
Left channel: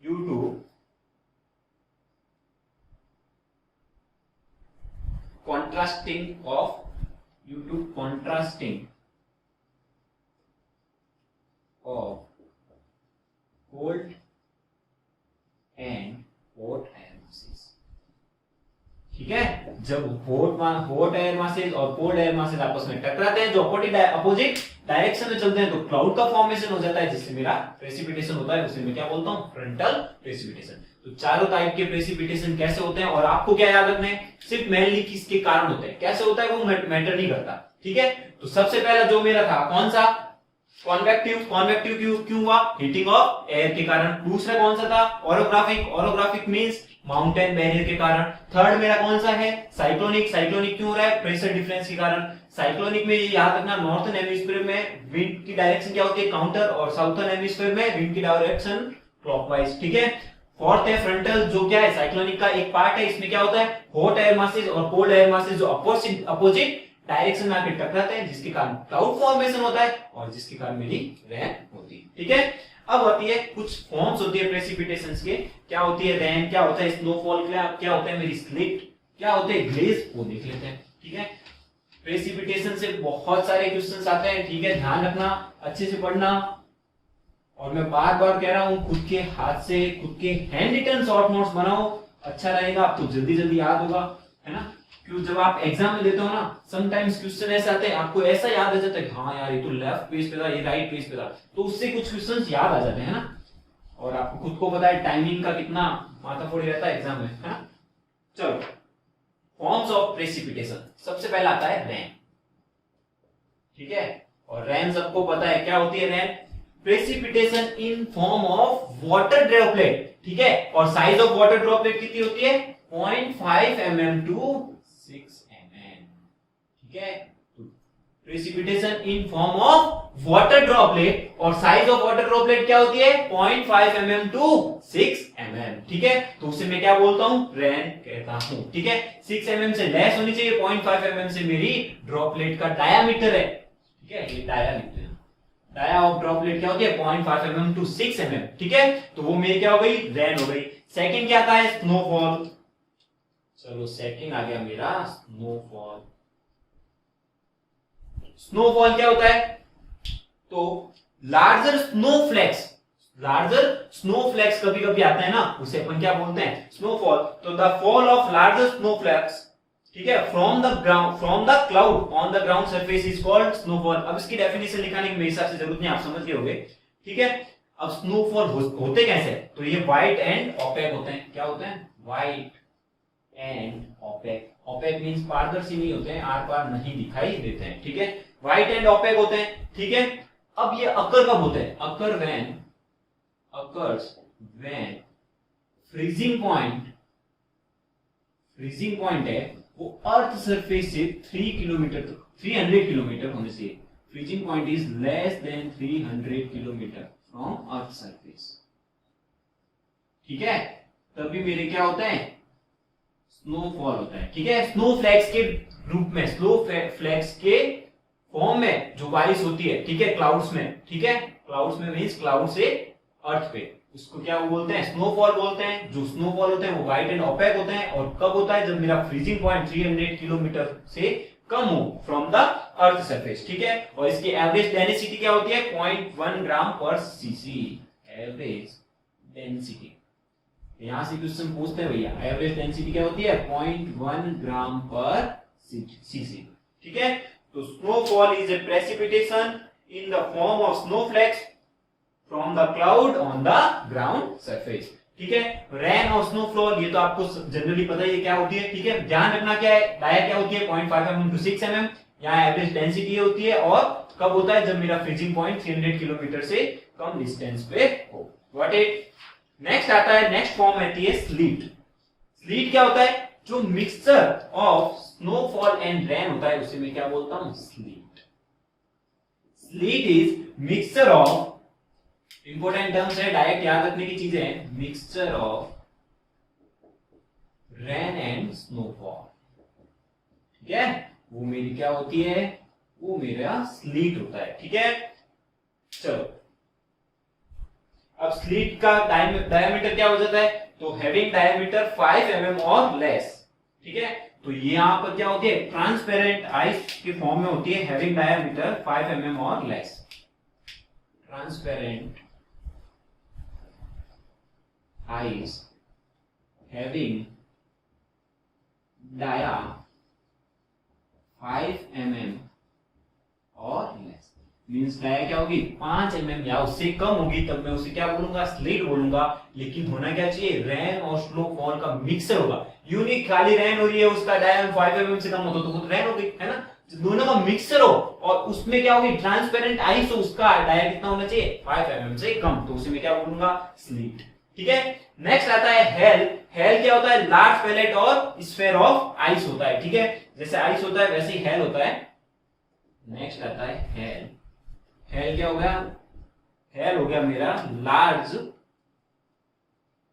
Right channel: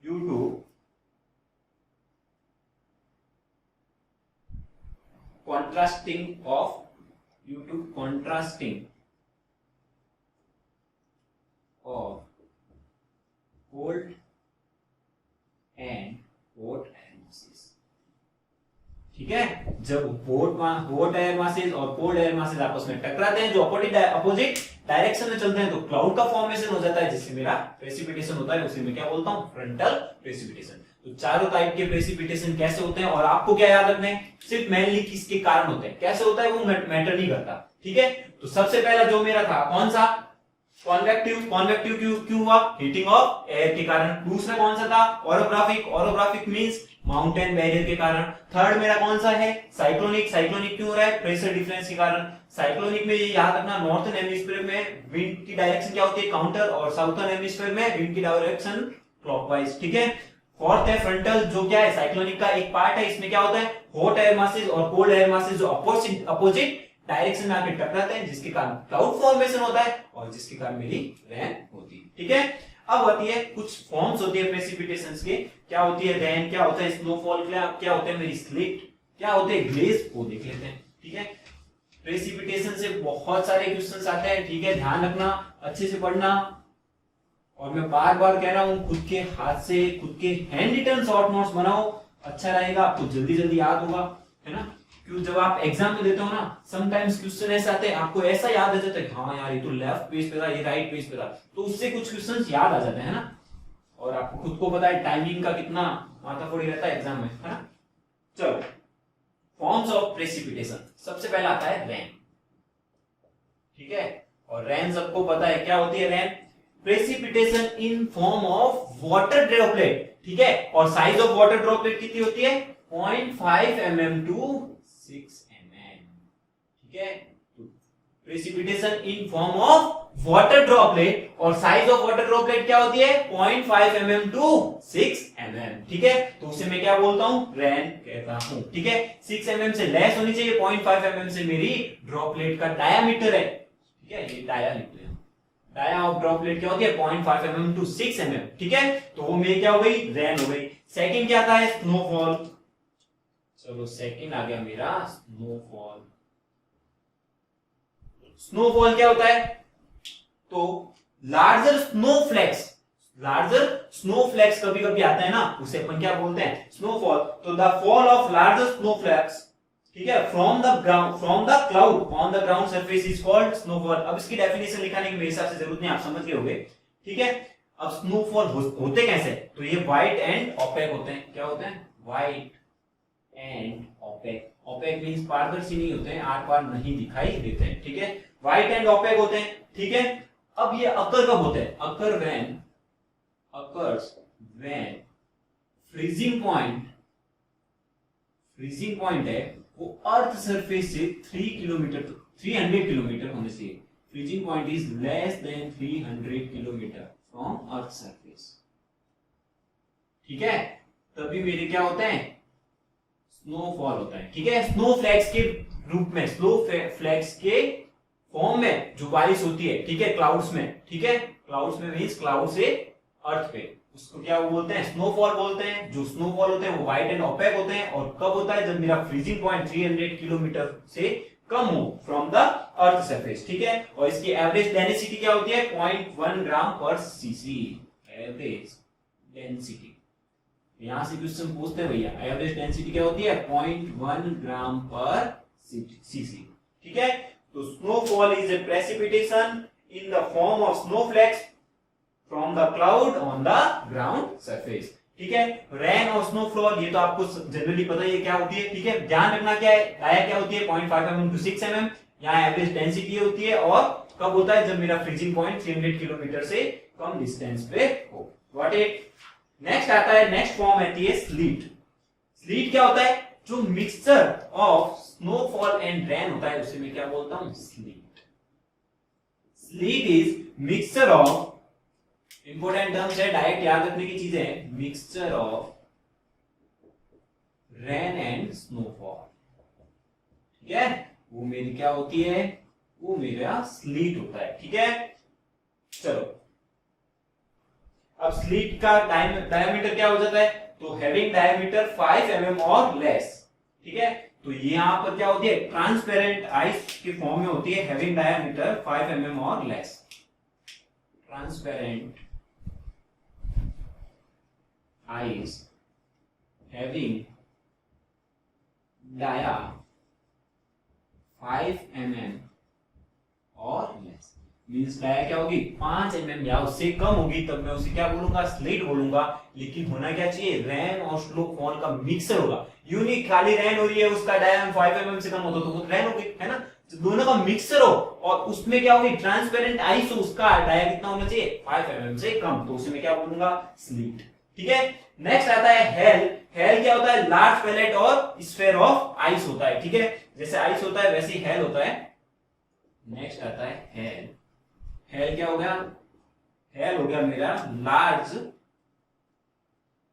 due to contrasting of cold and hot air masses, ठीक है। जब हॉट एयर मासेस और कोल्ड एयर मासेस आपस में टकराते हैं, जो अपोजिट डायरेक्शन में चलते हैं, तो क्लाउड का फॉर्मेशन हो जाता है, जिससे मेरा प्रेसिपिटेशन होता है, उसे मैं क्या बोलता हूं, फ्रंटल प्रेसिपिटेशन। तो चारों टाइप के प्रेसिपिटेशन कैसे होते हैं, और आपको क्या याद रखना है, सिर्फ मेनली किसके कारण होते हैं, कैसे होता है वो मैटर नहीं करता, ठीक है। तो सबसे पहला जो मेरा था कौन सा, कॉन्वेक्टिव क्यों हुआ, हीटिंग ऑफ एयर के कारण। दूसरा कौन सा था, ओरोग्राफिक मींस माउंटेन बैरियर के कारण। थर्ड मेरा कौन सा है, साइक्लोनिक क्यों हो रहा है, प्रेशर डिफरेंस के कारण। साइक्लोनिक में ये याद रखना, नॉर्थर्न हेमिस्फीयर में विंड की डायरेक्शन क्या होती है, काउंटर, और साउथर्न हेमिस्फीयर में विंड की डायरेक्शन क्लॉकवाइज, ठीक है। फोर्थ है फ्रंटल, जो क्या है, साइक्लोनिक का एक पार्ट है। इसमें क्या होता है, हॉट एयर मासेस और कोल्ड एयर मासेस जो अपोजिट डायरेक्शन में आके टकराते हैं, जिसके कारण क्लाउड फॉर्मेशन होता है, और जिसके कारण मेरी रेन होती है, ठीक है। अब होती है कुछ फॉर्म्स होती है प्रेसिपिटेशंस के, क्या होती है रेन, क्या होता है स्नोफॉल, क्या होता है मेरी स्लिट, क्या होते हैं ग्लेज, वो देख लेते हैं, ठीक है। प्रेसिपिटेशन से बहुत सारे क्वेश्चंस आते हैं, ठीक है, ध्यान रखना, अच्छे से पढ़ना। और मैं बार बार कह रहा हूं, खुद के हाथ से, खुद के हैंड रिटन शॉर्ट नोट्स बनाओ, अच्छा रहेगा, आपको जल्दी जल्दी याद होगा, है ना। क्यों, जब आप एग्जाम में देते हो ना, समटाइम्स क्वेश्चन ऐसे आते हैं, आपको ऐसा याद आ जाता है, हाँ यार ये तो लेफ्ट पेज पे था, ये राइट पेज पे था, तो उससे कुछ क्वेश्चंस याद आ जाते हैं ना। और आपको खुद को पता है टाइमिंग का कितना माथाफोड़ी रहता है एग्जाम में, है ना। चलो फॉर्म्स ऑफ प्रेसिपिटेशन, सबसे पहला आता है रेन, ठीक है। और रेन सबको पता है क्या होती है rain, precipitation in form of water droplet, ठीक है। और साइज ऑफ वाटर ड्रॉपलेट कितनी होती है 0.5 mm टू 6 mm, ठीक है। Precipitation in form of water droplet और साइज ऑफ वाटर ड्रॉपलेट क्या होती है 0.5 mm टू 6 mm, ठीक है। तो उसे मैं क्या बोलता हूं, रेन कहता हूं, ठीक है। 6 mm से लेस होनी चाहिए, 0.5 mm से मेरी ड्रॉपलेट का डायामीटर है, ठीक है। ये डायामीटर, डाया ऑफ ड्रॉपलेट क्या होती है 0.5 mm टू 6 mm, ठीक है। तो वो मेरी क्या हो गई, रेन हो गई। सेकंड क्या आता है, स्नोफॉल। चलो सेकंड आ गया मेरा स्नोफॉल। स्नोफॉल क्या होता है, तो लार्जर स्नोफ्लेक्स कभी कभी आता है ना, उसे अपन क्या बोलते हैं स्नोफॉल। तो the fall of larger snowflakes, ठीक है, from the cloud on the ground surface is called snowfall. अब इसकी डेफिनेशन लिखाने की मेरे हिसाब से जरूरत नहीं, आप समझ गए होंगे, ठीक है। अब स्नोफॉल होते कैसे, तो ये व्हाइट एंड ओपेक होते हैं। क्या होते हैं, white and opaque. Opaque means पारदर्शी नहीं होते हैं, आर पार नहीं दिखाई देते हैं, ठीक है। व्हाइट एंड ओपेक होते हैं, ठीक है। अब ये अकर कब होते हैं, occurs when फ्रीजिंग पॉइंट है वो अर्थ सरफेस से 300 किलोमीटर होने से, freezing point is less than 300 kilometre from earth surface, ठीक है। तभी मेरे क्या होते हैं, स्नोफॉल होता है, ठीक है। स्नोफ्लैक्स के रूप में, स्नोफ्लैक्स के फॉर्म में जो बारिश होती है, ठीक है, क्लाउड्स में, ठीक है। क्लाउड्स में मींस क्लाउड से अर्थ पे, उसको क्या वो बोलते हैं, स्नोफॉल बोलते हैं। जो स्नोफॉल होते हैं वो व्हाइट एंड ओपेक होते हैं। और कब होता है, जब मेरा फ्रीजिंग पॉइंट 300 किलोमीटर से कम हो फ्रॉम द अर्थ सरफेस, ठीक है। और इसकी एवरेज डेंसिटी क्या होती है 0.1 ग्राम पर सीसी, एवरेज डेंसिटी। यहां से क्वेश्चन पूछते हैं भैया, एवरेज डेंसिटी क्या होती है 0.1 ग्राम पर सीसी, ठीक है। तो snowfall is a precipitation in the form of snowflakes from the cloud on the ground surface, ठीक है। रेन और स्नोफॉल ये तो आपको जनरली पता ही है क्या होती है, ठीक है। ध्यान रखना क्या है, डाया क्या होती है 0.5 mm टू 6 mm, यहाँ एवरेज डेंसिटी होती है। और कब होता है, जब मेरा फ्रीजिंग पॉइंट 300 किलोमीटर से कम डिस्टेंस पे हो। व्हाट इट नेक्स्ट आता है, नेक्स्ट फॉर्म आती है स्लीट। स्लीट क्या होता है, जो mixture of snowfall and rain होता है उसे मैं क्या बोलता हूं, slit. Slit is mixture of, important terms है, डायरेक्ट याद रखने की चीजें हैं, mixture of rain and snowfall, ठीक है। वो मेरी क्या होती है, वो मेरा स्लीट होता है, ठीक है। चलो अब स्लीट का डायमीटर क्या हो जाता है, तो हैविंग डायमीटर 5 mm और लेस, ठीक है। तो ये यहां पर क्या होती है, ट्रांसपेरेंट आइस के फॉर्म में होती है, हैविंग डायमीटर 5 mm और less. Transparent ice having dia 5 mm और लेस, मींस डाया क्या होगी 5 mm या उससे कम होगी, तब मैं उसे क्या बोलूंगा, स्लीट बोलूंगा। लेकिन होना क्या चाहिए, रेन और स्नोफॉल का मिक्सर होगा। यूनिक खाली रेन हो रही है, उसका डाया 5 mm से कम होता तो वो रेन हो गई, है ना। तो दोनों का मिक्सर हो और उसमें क्या होगी, ट्रांसपेरेंट आइस हो, उसका डाया कितना होना चाहिए 5 mm से कम, तो उसे मैं क्या बोलूंगा, स्लीट, ठीक है। नेक्स्ट आता है हेल। हेल क्या होता है, लार्ज पैलेट और स्फेयर ऑफ आइस होता है, ठीक है। जैसे आइस होता है वैसे ही हेल होता है। नेक्स्ट आता है हेल। हेल क्या हो गया, हेल हो गया मेरा लार्ज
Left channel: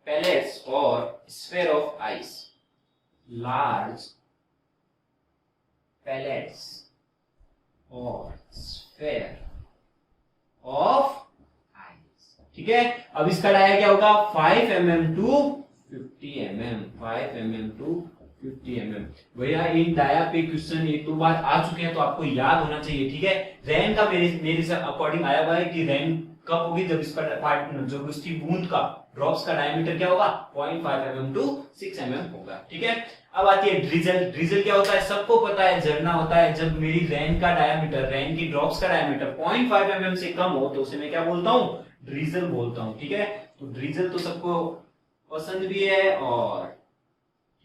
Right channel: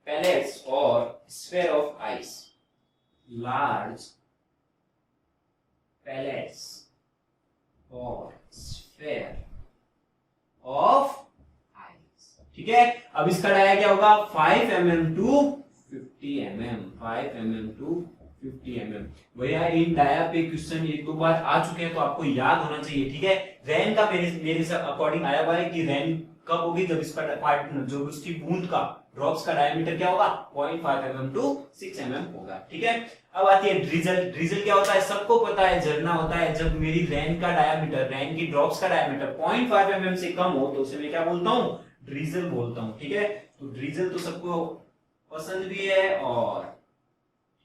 पैलेट्स और sphere of ice, large pellets और स्फेयर ऑफ आइस, ठीक है। अब इसका डाया क्या होगा 5 mm to 50 mm, 5 mm to 50 mm। भैया इन डाया पे क्वेश्चन एक दो बार आ चुके हैं तो आपको याद होना चाहिए, ठीक है। रेन का मेरे अकॉर्डिंग आया हुआ है कि रेन कब होगी, जब इसका पार्ट जो उसकी बूंद का ड्रॉप्स का डायमीटर क्या होगा 0.5 mm टू 6 mm होगा, ठीक है। अब आती है ड्रिजल। ड्रिजल क्या होता है, सबको पता है, झरना होता है। जब मेरी रेन का डायमीटर, रेन की ड्रॉप्स का डायमीटर 0.5 mm से कम हो तो उसे मैं क्या बोलता हूँ, ड्रिजल बोलता हूँ, ठीक है। तो ड्रिजल तो सबको पसंद भी है और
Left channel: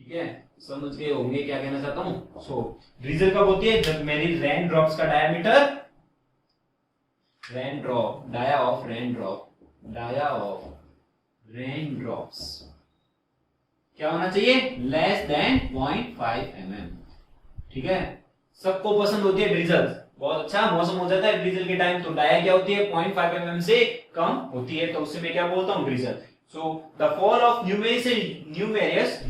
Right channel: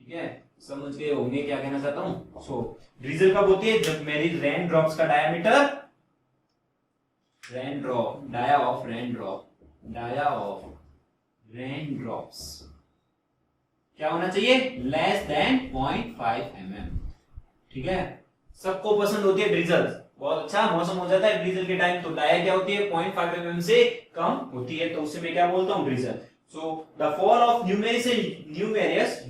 ठीक है समझ गए होंगे क्या कहना चाहता हूं। सो ड्रिजल कब होती है, जब मेरी रेन ड्रॉप्स का diameter, rain drop, dia of rain drops क्या होना चाहिए, लेस देन 0.5 mm। ठीक है, सबको पसंद होती है ड्रिजल, बहुत अच्छा मौसम हो जाता है ड्रिजल के टाइम, तो डाया क्या होती है 0.5 mm से कम होती है, तो उससे मैं क्या बोलता हूं, drizzle. So the fall of numerous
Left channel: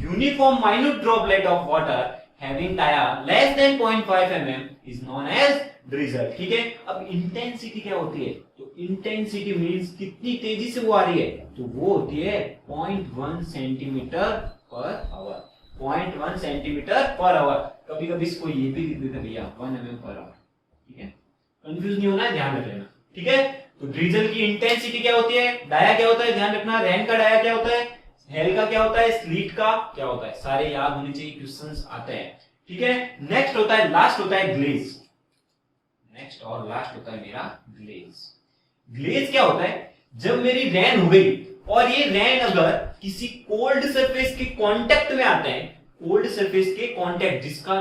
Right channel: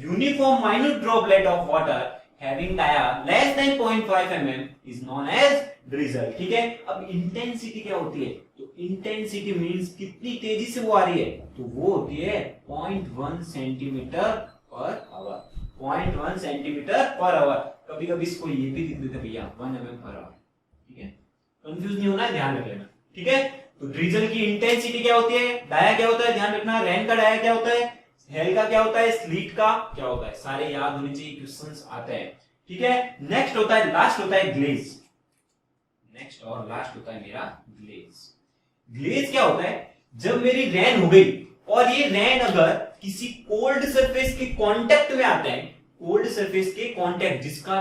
uniform minute droplet of water having dia less than 0.5 mm is known as drizzle। ठीक है, अब इंटेंसिटी क्या होती है, तो इंटेंसिटी मींस कितनी तेजी से वो आ रही है, तो वो होती है 0.1 centimetre per our, 0.1 centimetre per our. कभी कभी इसको ये भी लिख देते भैया 1 mm पर आवर। ठीक है, कंफ्यूज नहीं होना है, ध्यान रख लेना। ठीक है, तो ड्रिजल की इंटेंसिटी क्या होती है, डाया क्या होता है, ध्यान रखना, रेन का डाया क्या होता है, हेल का क्या होता है, स्लीट का क्या होता है, सारे याद होने चाहिए, क्वेश्चंस आते हैं। ठीक है, नेक्स्ट होता है, लास्ट होता है ग्लेज। नेक्स्ट और लास्ट होता है मेरा ग्लेज। ग्लेज क्या होता है, जब मेरी रेन हो गई और ये रेन अगर किसी कोल्ड सरफेस के कांटेक्ट में आते हैं, कोल्ड सरफेस के कांटेक्ट, जिसका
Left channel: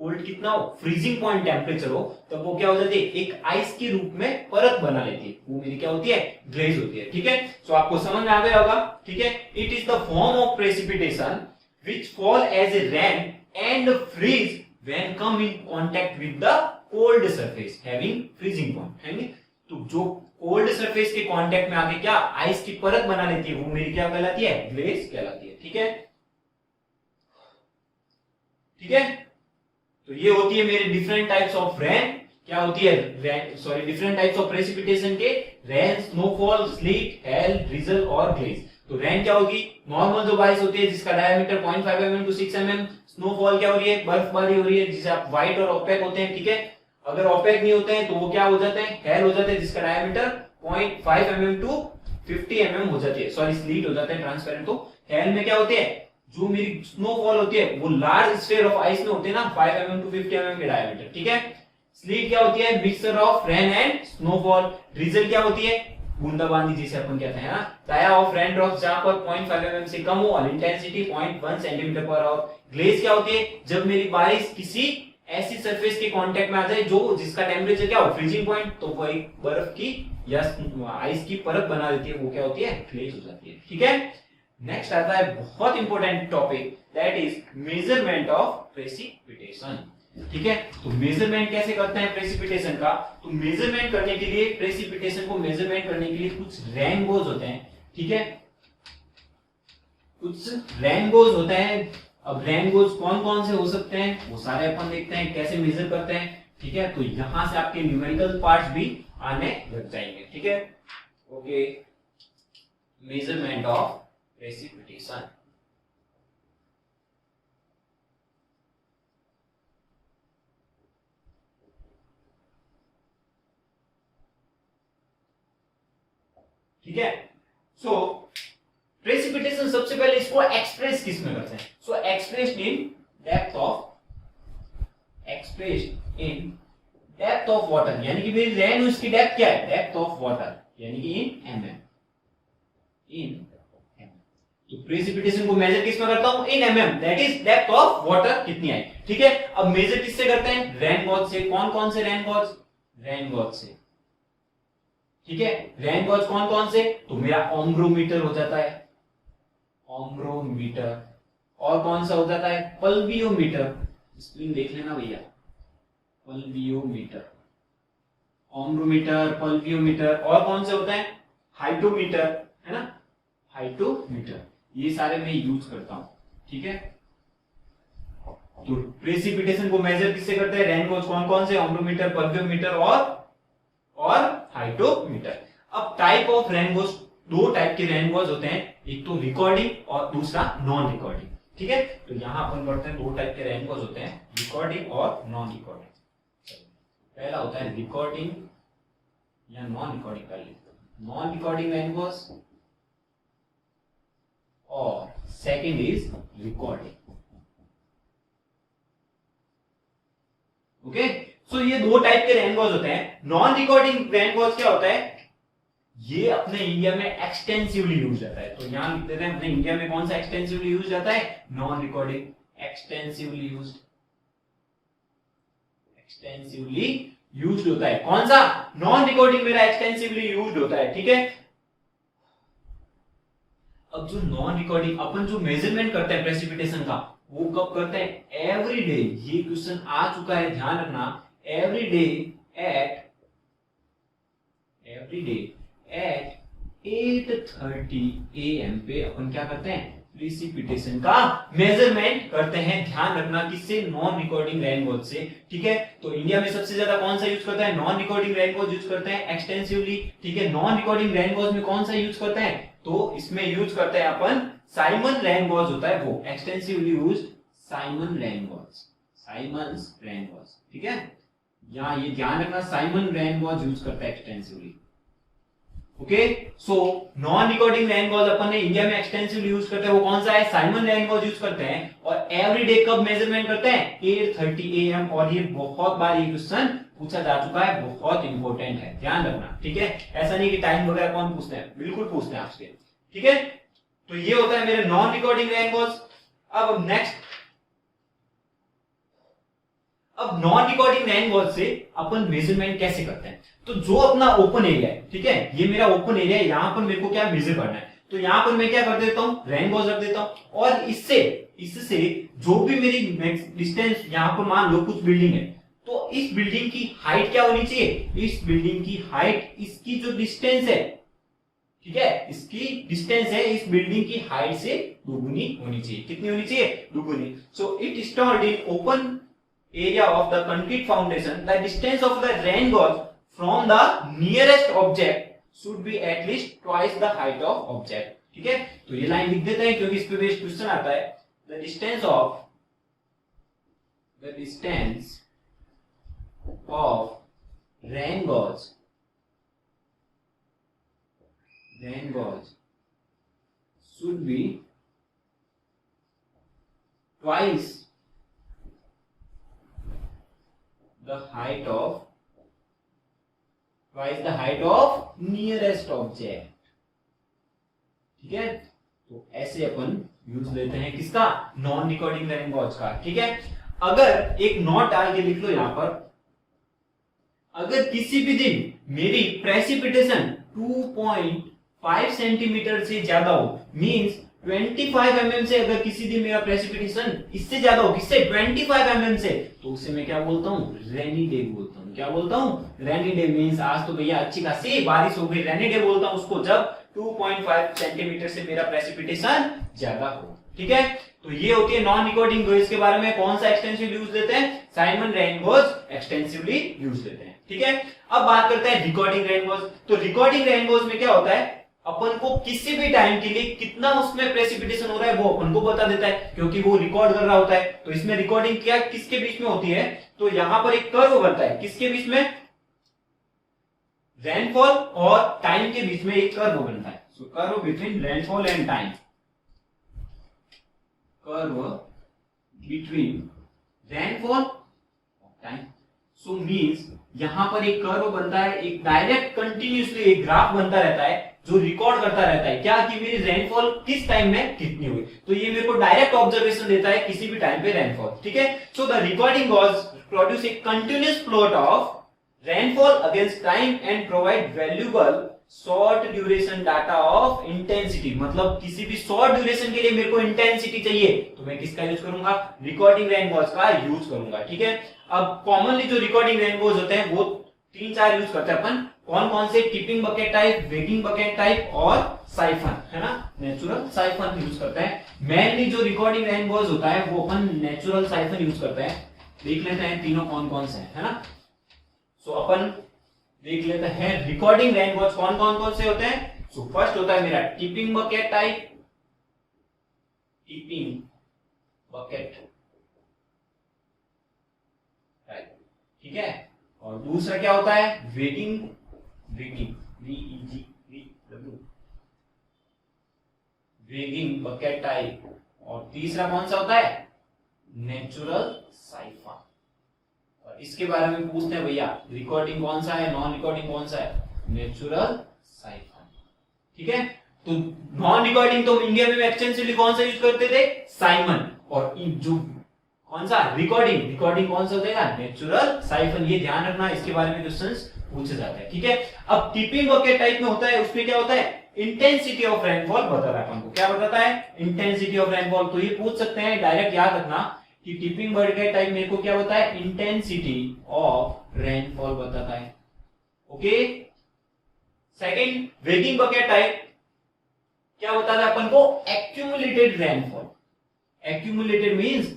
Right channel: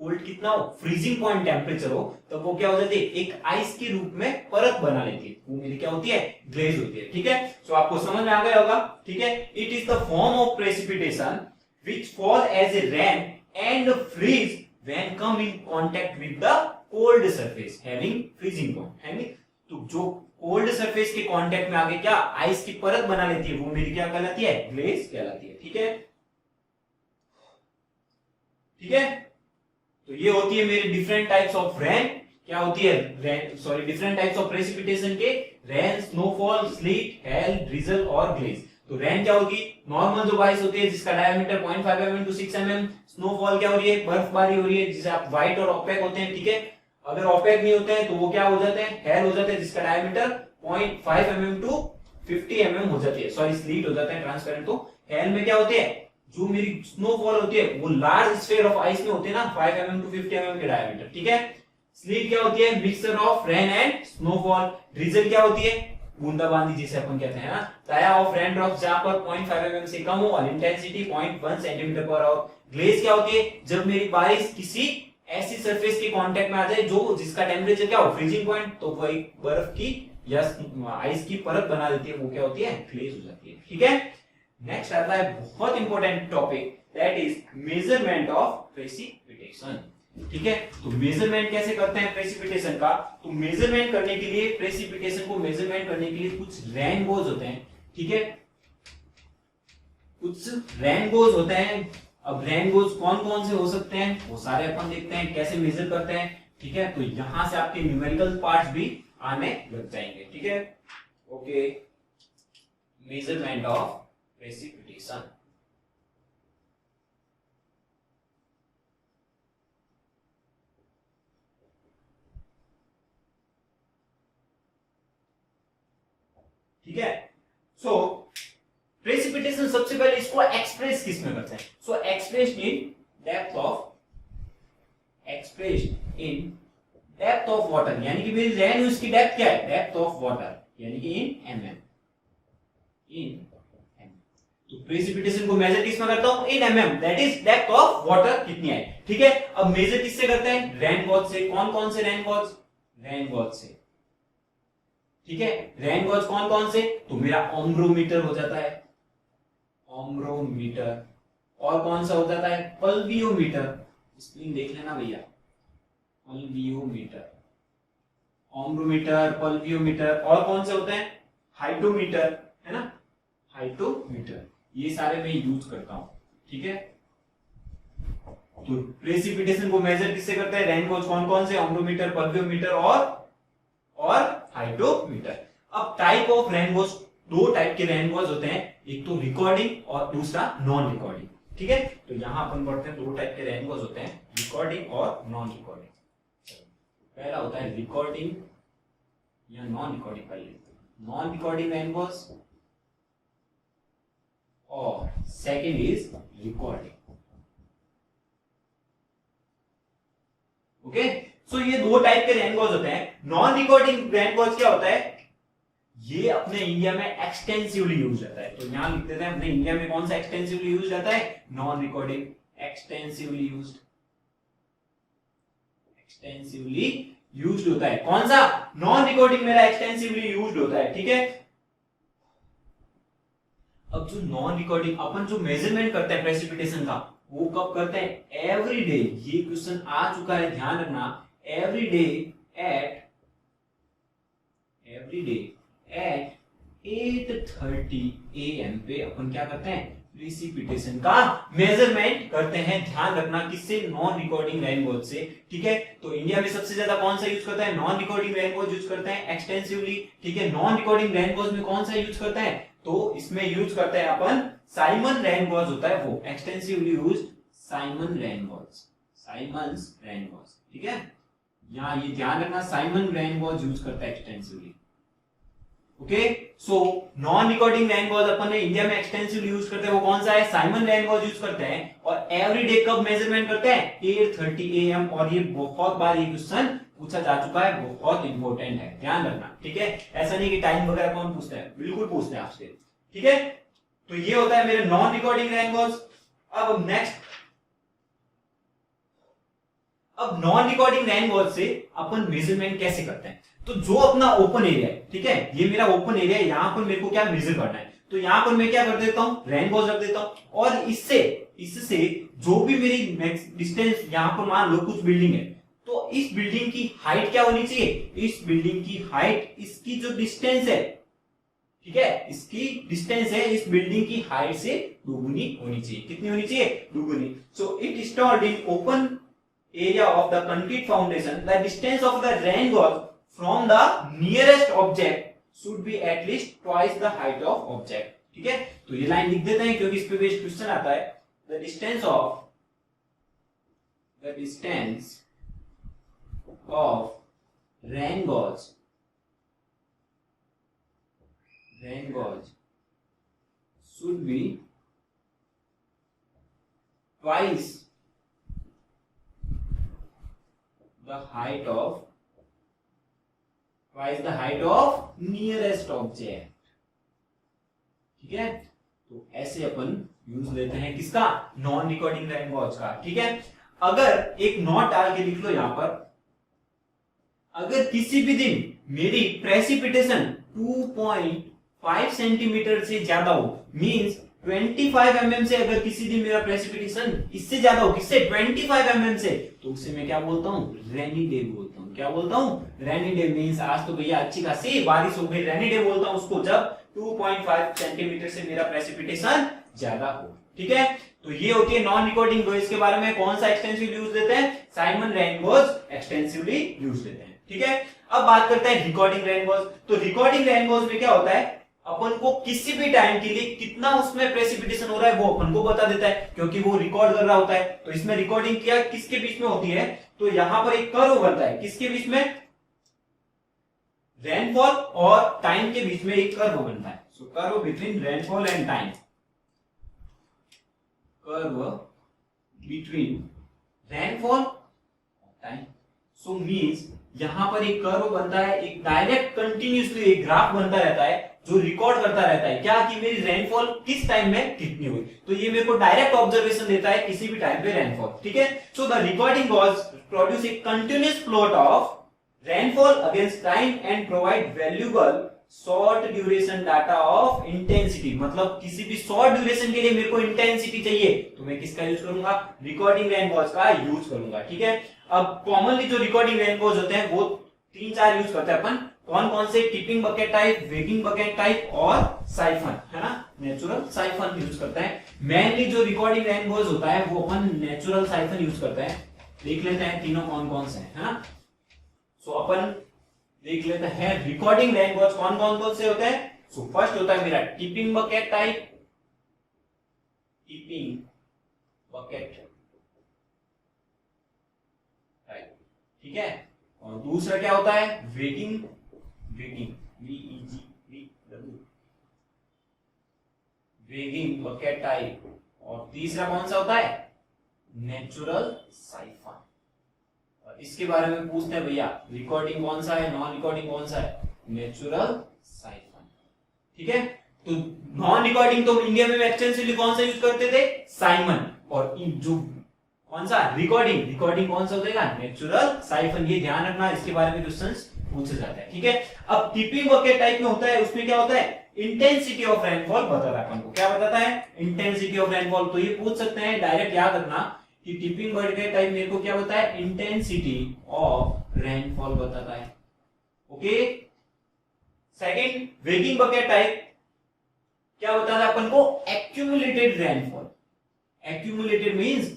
कोल्ड कितना हो, फ्रीजिंग पॉइंट टेम्परेचर हो, तब वो क्या हो जाती है, एक आइस के रूप में परत बना लेती है, वो मेरी क्या होती है, ग्लेज होती है। ठीक है, सो आपको समझ में आ गया होगा। ठीक है, it is the form of precipitation which fall as a rain and freeze when come in contact with the cold surface having freezing point. तो जो कोल्ड सरफेस के कांटेक्ट में आके क्या आइस की परत बना लेती है, वो मेरी क्या कहलाती है, ग्लेज कहलाती है। ठीक है, ठीक है, तो ये होती है मेरी डिफरेंट टाइप्स ऑफ रेन, क्या होती है, डिफरेंट टाइप्स ऑफ प्रेसिपिटेशन के, rain, snowfall, slit, hello, drizzle और ग्लेज। तो रेन क्या होगी, नॉर्मल जो बारिश होती है जिसका diameter 0.5 mm to 6 mm। Snowfall क्या हो रही है, बर्फबारी हो रही है, जिसे आप व्हाइट और ओपेक होते हैं। ठीक है, अगर ओपेक नहीं होते हैं तो वो क्या हो जाते हैं, हेल हो जाते हैं, जिसका डायमीटर 0.5 mm to 50 mm हो जाती है, स्लीट हो जाते हैं, ट्रांसपेरेंट। तो हेल में क्या होते हैं, जो मेरी स्नोफॉल होती है वो लार्ज स्फीयर ऑफ आइस में होते हैं ना, 5 mm to 50 mm के डायमीटर। ठीक है, स्लीट क्या होती है, mixture of rain and snowfall. Drizzle क्या होती है, बूंदाबांदी जिसे अपन कहते हैं ना, डाया ऑफ रेन ड्रॉप्स जहां पर 0.5 mm से कम हो और intensity 0.1 centimetre per hour. Glaze क्या होती है, जब मेरी बारिश किसी ऐसी सरफेस के कांटेक्ट में आ जाए जो जिसका टेम्परेचर क्या हो, फ्रीजिंग पॉइंट, तो वो एक बर्फ की या आइस की परत बना देती है, वो क्या होती है, ग्लेज हो जाती है। ठीक है, नेक्स्ट आता है बहुत important topic, that is measurement of precipitation. ठीक है, तो मेजरमेंट कैसे करते हैं प्रेसिपिटेशन का, तो मेजरमेंट करने के लिए, प्रेसिपिटेशन को मेजरमेंट करने के लिए कुछ रेनबोज होते हैं। ठीक है, कुछ रेनबोज होते हैं। अब रेनबोज कौन कौन से हो सकते हैं, वो सारे अपन देखते हैं कैसे मेजर करते हैं। ठीक है, तो यहां से आपके न्यूमेरिकल पार्ट्स भी आने लग जाएंगे। ठीक है, ओके, मेजरमेंट ऑफ प्रेसिपिटेशन। ठीक है, सो प्रेसिपिटेशन सबसे पहले इसको एक्सप्रेस किस में करते हैं, so expressed in depth of water, यानी कि मेरी रेन उसकी डेप्थ क्या है, डेप्थ ऑफ वाटर, यानी कि इन mm। तो प्रेसिपिटेशन को मेजर किस में करता हूं, इन mm, that is depth of water कितनी है। ठीक है, अब मेजर किससे करते हैं, रेनगॉज से। कौन कौन से रेनगॉज, रेनगॉज से। ठीक है, रेनगॉज कौन कौन से, तो मेरा ओम्ब्रोमीटर हो जाता है, ओम्ब्रोमीटर, और कौन सा हो जाता है, पल्वियोमीटर, स्पेलिंग देख लेना भैया, पल्वियोमीटर, ओम्ब्रोमीटर, पल्वियोमीटर, और कौन से होते हैं, हाइड्रोमीटर, है ना, हाइड्रोमीटर, ये सारे मैं यूज करता हूं। ठीक है, तो प्रेसिपिटेशन को मेजर किससे करते हैं, रेनगॉज कौन कौन से, ओम्ब्रोमीटर, पल्वियोमीटर और हाइड्रोमीटर। अब टाइप ऑफ रेनगॉज, दो टाइप के रेनगॉज होते हैं, एक तो रिकॉर्डिंग और दूसरा नॉन रिकॉर्डिंग। ठीक है, तो यहां अपन पढ़ते हैं दो टाइप के रेनगॉज होते हैं, रिकॉर्डिंग और नॉन रिकॉर्डिंग। पहला होता है रिकॉर्डिंग या नॉन रिकॉर्डिंग का, नॉन रिकॉर्डिंग रेनगॉज, और सेकंड इज रिकॉर्डिंग। ओके, सो ये दो टाइप के रेनगॉज होते हैं। नॉन रिकॉर्डिंग रेनगॉज क्या होता है, ये अपने इंडिया में एक्सटेंसिवली यूज जाता है, तो यहां लिख देते हैं अपने इंडिया में कौन सा एक्सटेंसिवली यूज जाता है, non recording extensively used, extensively used होता है। कौन सा? नॉन रिकॉर्डिंग मेरा एक्सटेंसिवली यूज्ड होता है, ठीक है। अब जो नॉन रिकॉर्डिंग अपन जो मेजरमेंट करते हैं प्रेसिपिटेशन का, वो कब करते हैं? Every day. ये क्वेश्चन आ चुका है, ध्यान रखना। एवरी डे एट 8:30 AM पे अपन क्या करते हैं? प्रेसिपिटेशन का मेजरमेंट करते हैं। ध्यान रखना किससे? नॉन रिकॉर्डिंग रेनफॉल से, ठीक है। तो इंडिया में सबसे ज्यादा कौन सा यूज करता है? नॉन रिकॉर्डिंग रेनफॉल यूज करते हैं एक्सटेंसिवली, ठीक है। नॉन रिकॉर्डिंग रेनफॉल में कौन सा यूज करता है? तो इसमें यूज करते हैं अपन साइमन रेनफॉल होता है वो, extensively use Simon rainfalls, Simons rainfalls, ठीक है। यहां ये ध्यान रखना, साइमन रेनफॉल्स यूज करता है extensively. Okay, so non recording rainfall अपन ने इंडिया में एक्सटेंसिवली यूज करते हैं, वो कौन सा है? साइमन रेनफॉल यूज करते हैं। और एवरी डे कब मेजरमेंट करते हैं? 8:30 AM। और ये बहुत बार ये क्वेश्चन पूछा जा चुका है, बहुत इंपॉर्टेंट है, ध्यान रखना, ठीक है। ऐसा नहीं कि टाइम वगैरह कौन पूछते हैं, बिल्कुल पूछते हैं आपसे, ठीक है। तो ये होता है मेरे नॉन रिकॉर्डिंग रेनफॉल्स। अब नेक्स्ट, अब नॉन रिकॉर्डिंग रेनफॉल से अपन मेजरमेंट कैसे करते हैं? तो जो अपना ओपन एरिया है, ठीक है, ये मेरा ओपन एरिया है, यहां पर मेरे को क्या मेजर करना है? तो यहां पर मैं क्या कर देता हूं? रेनफॉल रख देता हूं। और इससे जो भी मेरी डिस्टेंस, यहां पर मान लो कुछ बिल्डिंग है, तो इस बिल्डिंग की हाइट क्या होनी चाहिए? इस बिल्डिंग की हाइट, इसकी जो डिस्टेंस है, ठीक है, इसकी डिस्टेंस है इस बिल्डिंग की हाइट से दुगुनी होनी चाहिए। कितनी होनी चाहिए? दुगुनी। So it stored in open area of the concrete foundation, the distance of the rain gauge from the nearest object should be at least twice the height of object, ठीक है। तो ये लाइन लिख देते हैं क्योंकि इस पे बेस्ड क्वेश्चन आता है। the distance of rain gauge should be twice the height of nearest object, ठीक है। तो ऐसे अपन यूज लेते हैं किसका? नॉन रिकॉर्डिंग रेन गॉज का, ठीक है। अगर एक नोट डाल के लिख लो यहां पर, अगर किसी भी दिन मेरी प्रेसिपिटेशन 2.5 सेंटीमीटर से ज्यादा हो, मींस 25 mm से अगर किसी दिन मेरा प्रेसिपिटेशन इससे ज्यादा हो, किससे? 25 mm से, तो उसे मैं क्या बोलता हूँ? रेनी डे बोलता हूँ। क्या बोलता हूँ? Rainy day. मींस आज तो भैया अच्छी खासी बारिश हो गई, रेनी डे बोलता हूँ उसको जब 2.5 सेंटीमीटर से मेरा प्रेसिपिटेशन ज्यादा हो, ठीक है। तो ये होती है नॉन रिकॉर्डिंग वेव्स के बारे में। कौन सा एक्सटेंसिव यूज लेते हैं? साइमन रेनफॉल्स एक्सटेंसिवली यूज लेते हैं, ठीक है। अब बात करते हैं रिकॉर्डिंग रेनफॉल्स। तो रिकॉर्डिंग रेनफॉल्स में क्या होता है? अपन को किसी भी टाइम के लिए कितना उसमें प्रेसिपिटेशन हो रहा है वो अपन को बता देता है, क्योंकि वो रिकॉर्ड कर रहा होता है। तो इसमें रिकॉर्डिंग क्या किसके बीच में होती है? तो यहां पर एक कर्व बनता है, किसके बीच में? रेनफॉल और टाइम के बीच में एक कर्व बनता है। So curve between rainfall and time, curve between rainfall और टाइम। सो मींस यहां पर एक कर्व बनता है, एक डायरेक्ट कंटिन्यूअसली एक ग्राफ बनता रहता है जो रिकॉर्ड करता रहता है क्या, कि मेरी रेनफॉल किस टाइम में कितनी हुई। तो ये मेरे को डायरेक्ट ऑब्जर्वेशन देता है किसी भी टाइम पे रेनफॉल, ठीक है। So the recording gauge produce a continuous plot of rainfall against time and provide valuable short duration data of intensity। मतलब किसी भी शॉर्ट ड्यूरेशन के लिए मेरे को इंटेंसिटी चाहिए तो मैं किसका यूज करूंगा? रिकॉर्डिंग रेनफॉल्स का यूज करूंगा, ठीक है। अब कॉमनली जो रिकॉर्डिंग रेनफॉल्स होते हैं वो 3-4 यूज करते हैं अपन। कौन कौन से? Tipping bucket type, weighing bucket type और साइफन, है ना, नेचुरल साइफन यूज करते हैं। मेनली जो रिकॉर्डिंग रेनफॉल्स होता है वो अपन नेचुरल साइफन यूज करते हैं। देख लेते हैं तीनों कौन कौन से है ना। सो अपन देख लेते हैं रिकॉर्डिंग रेनफॉल्स कौन कौन से होते हैं। सो फर्स्ट होता है मेरा tipping bucket type, tipping bucket type, ठीक है। और दूसरा क्या होता है? Weighing, weighing bucket type. और तीसरा कौन सा होता है? Natural siphon. इसके बारे में पूछते हैं भैया, रिकॉर्डिंग कौन सा है, नॉन रिकॉर्डिंग कौन सा है? नेचुरल साइफन, ठीक है। तो नॉन रिकॉर्डिंग तो इंडिया में एक्सटेंसिवली कौन सा यूज करते थे, साइमन। और जो कौन सा रिकॉर्डिंग, रिकॉर्डिंग कौन सा हो जाएगा, नेचुरल साइफन। ये ध्यान रखना, इसके बारे में क्वेश्चंस पूछा जाता है, ठीक है। अब टिपिंग बकेट टाइप में होता है, उसमें क्या होता है, इंटेंसिटी ऑफ रेनफॉल बता रहा है अपन को। क्या बताता है, इंटेंसिटी ऑफ रेनफॉल। तो ये पूछ सकते हैं, डायरेक्ट याद रखना कि टिपिंग बकेट टाइप मेरे को क्या बताता है, इंटेंसिटी ऑफ रेनफॉल बताता है। Okay. Second, weighing bucket type क्या बताता है अपन को, accumulated rainfall. Accumulated means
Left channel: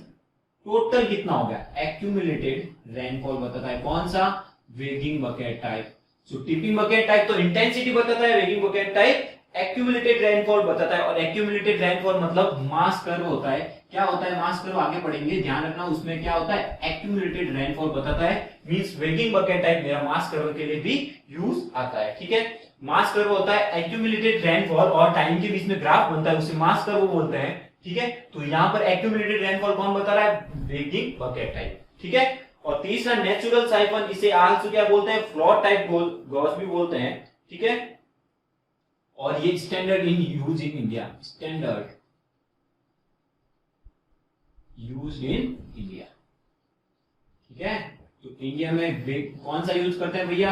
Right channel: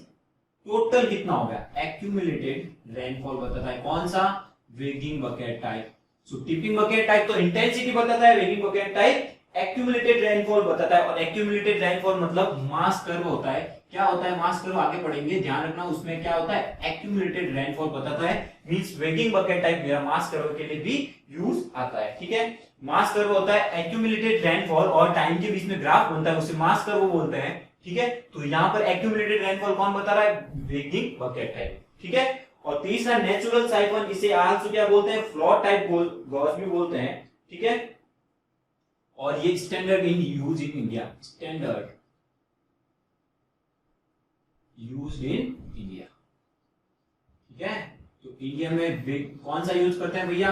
total कितना हो गया, एक्यूमुलेटेड रेनफॉल बताता है। कौन सा, वेगिंग बकेट टाइप। सो टिपिंग बकेट टाइप तो इंटेंसिटी बताता है, weighing bucket type accumulated rainfall बताता है। और एक्यूमुलेटेड रेनफॉल मतलब मास कर्व होता है। क्या होता है मास कर्व, आगे पढ़ेंगे, ध्यान रखना। उसमें क्या होता है, एक्यूमुलेटेड रेनफॉल बताता है। मींस वेगिंग बकेट टाइप मेरा मास कर्व के लिए भी यूज आता है, ठीक है। मास कर्व होता है एक्यूमुलेटेड रेनफॉल, और टाइम के बीच में ग्राफ बनता है, उसे मास कर्व बोलते हैं, ठीक है। तो यहाँ पर एक्यूमुलेटेड रेनफॉल कौन बता रहा है, वेगिंग बकेट टाइप, ठीक है। और तीसरा नेचुरल साइफन, इसे आल्सो क्या बोलते हैं, फ्लोट टाइप गॉस भी बोलते हैं, ठीक है। और ये standard in use in India, standard use in India, ठीक है। तो इंडिया में कौन सा यूज करते हैं भैया,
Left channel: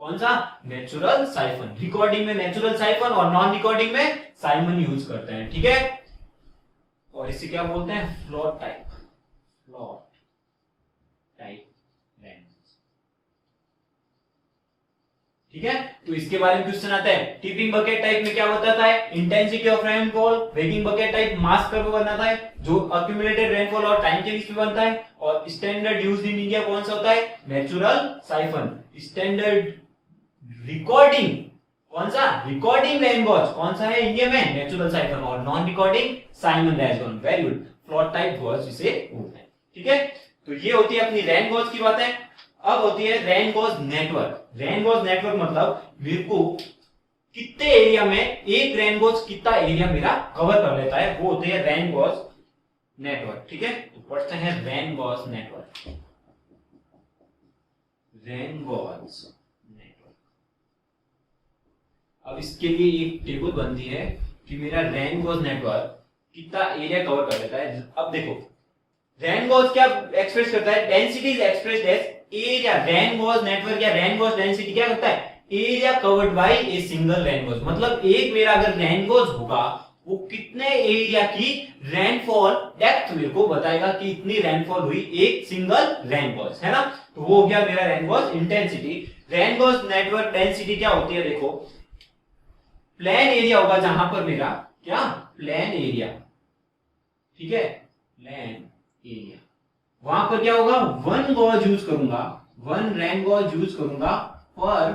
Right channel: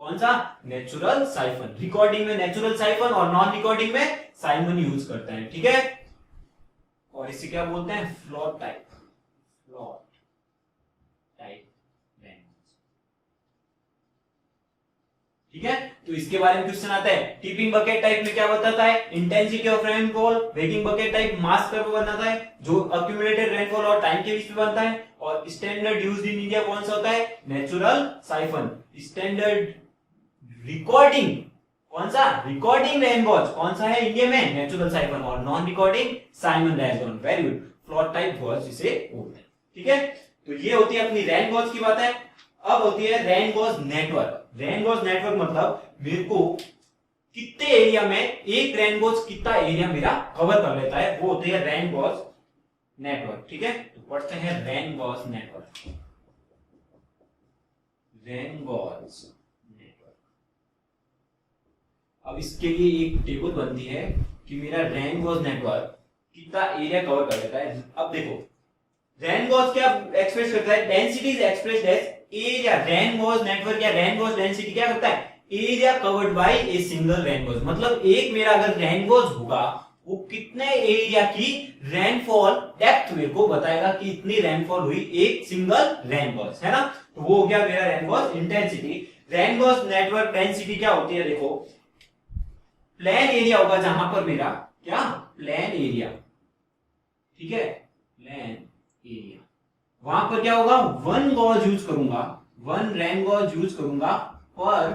कौन सा, नेचुरल साइफन। रिकॉर्डिंग में नेचुरल साइफन और नॉन रिकॉर्डिंग में साइमन यूज करते हैं, ठीक है। और इसे क्या बोलते हैं, float type, float type rainfall, ठीक है। तो इसके बारे में क्वेश्चन आता है। टिपिंग बकेट टाइप में क्या बताता है, intensity of rainfall. Weighing bucket type mass curve बनाता है, जो अक्यूमुलेटेड रेनफॉल और टाइम के बीच में बनता है। और स्टैंडर्ड यूज्ड इन इंडिया कौन सा होता है, नेचुरल साइफन। स्टैंडर्ड रिकॉर्डिंग कौन सा, रिकॉर्डिंग रेनगॉज कौन सा है इंडिया में, नेचुरल साइफन। और non recording Symon rain gauge. Very good, float type gauge जिसे बोलते हैं, ठीक है। तो ये होती है अपनी रेनगॉज की बात है। अब होती है रेनगॉज नेटवर्क। रेनगॉज नेटवर्क मतलब मेरे को कितने एरिया में एक रेनगॉज कितना एरिया मेरा कवर कर लेता है, वो होती है रेनगॉज नेटवर्क, ठीक है। तो पढ़ते हैं रेनगॉज नेटवर्क, रेनगॉज। अब इसके लिए एक टेबल बनती है कि मेरा रेनगॉज नेटवर्क कितना एरिया कवर कर लेता है। अब देखो, रेनगॉज क्या एक्सप्रेस करता है, density is expressed as area. Rain gauge network या रेनगॉज डेंसिटी क्या करता है, area covered by a single rain gauge. मतलब एक मेरा अगर रेनगॉज होगा, वो कितने एरिया की रेनफॉल डेप्थ मेरे को बताएगा कि इतनी रेनफॉल हुई एक सिंगल रेनगॉज, है ना। तो वो हो गया मेरा रेनगॉज इंटेंसिटी। रेनगॉज नेटवर्क डेंसिटी क्या होती है, देखो, प्लेन एरिया होगा जहां पर मेरा क्या, प्लेन एरिया, ठीक है, प्लेन एरिया, वहां पर क्या होगा, वन गॉज यूज करूंगा, वन रेन गॉज यूज करूंगा पर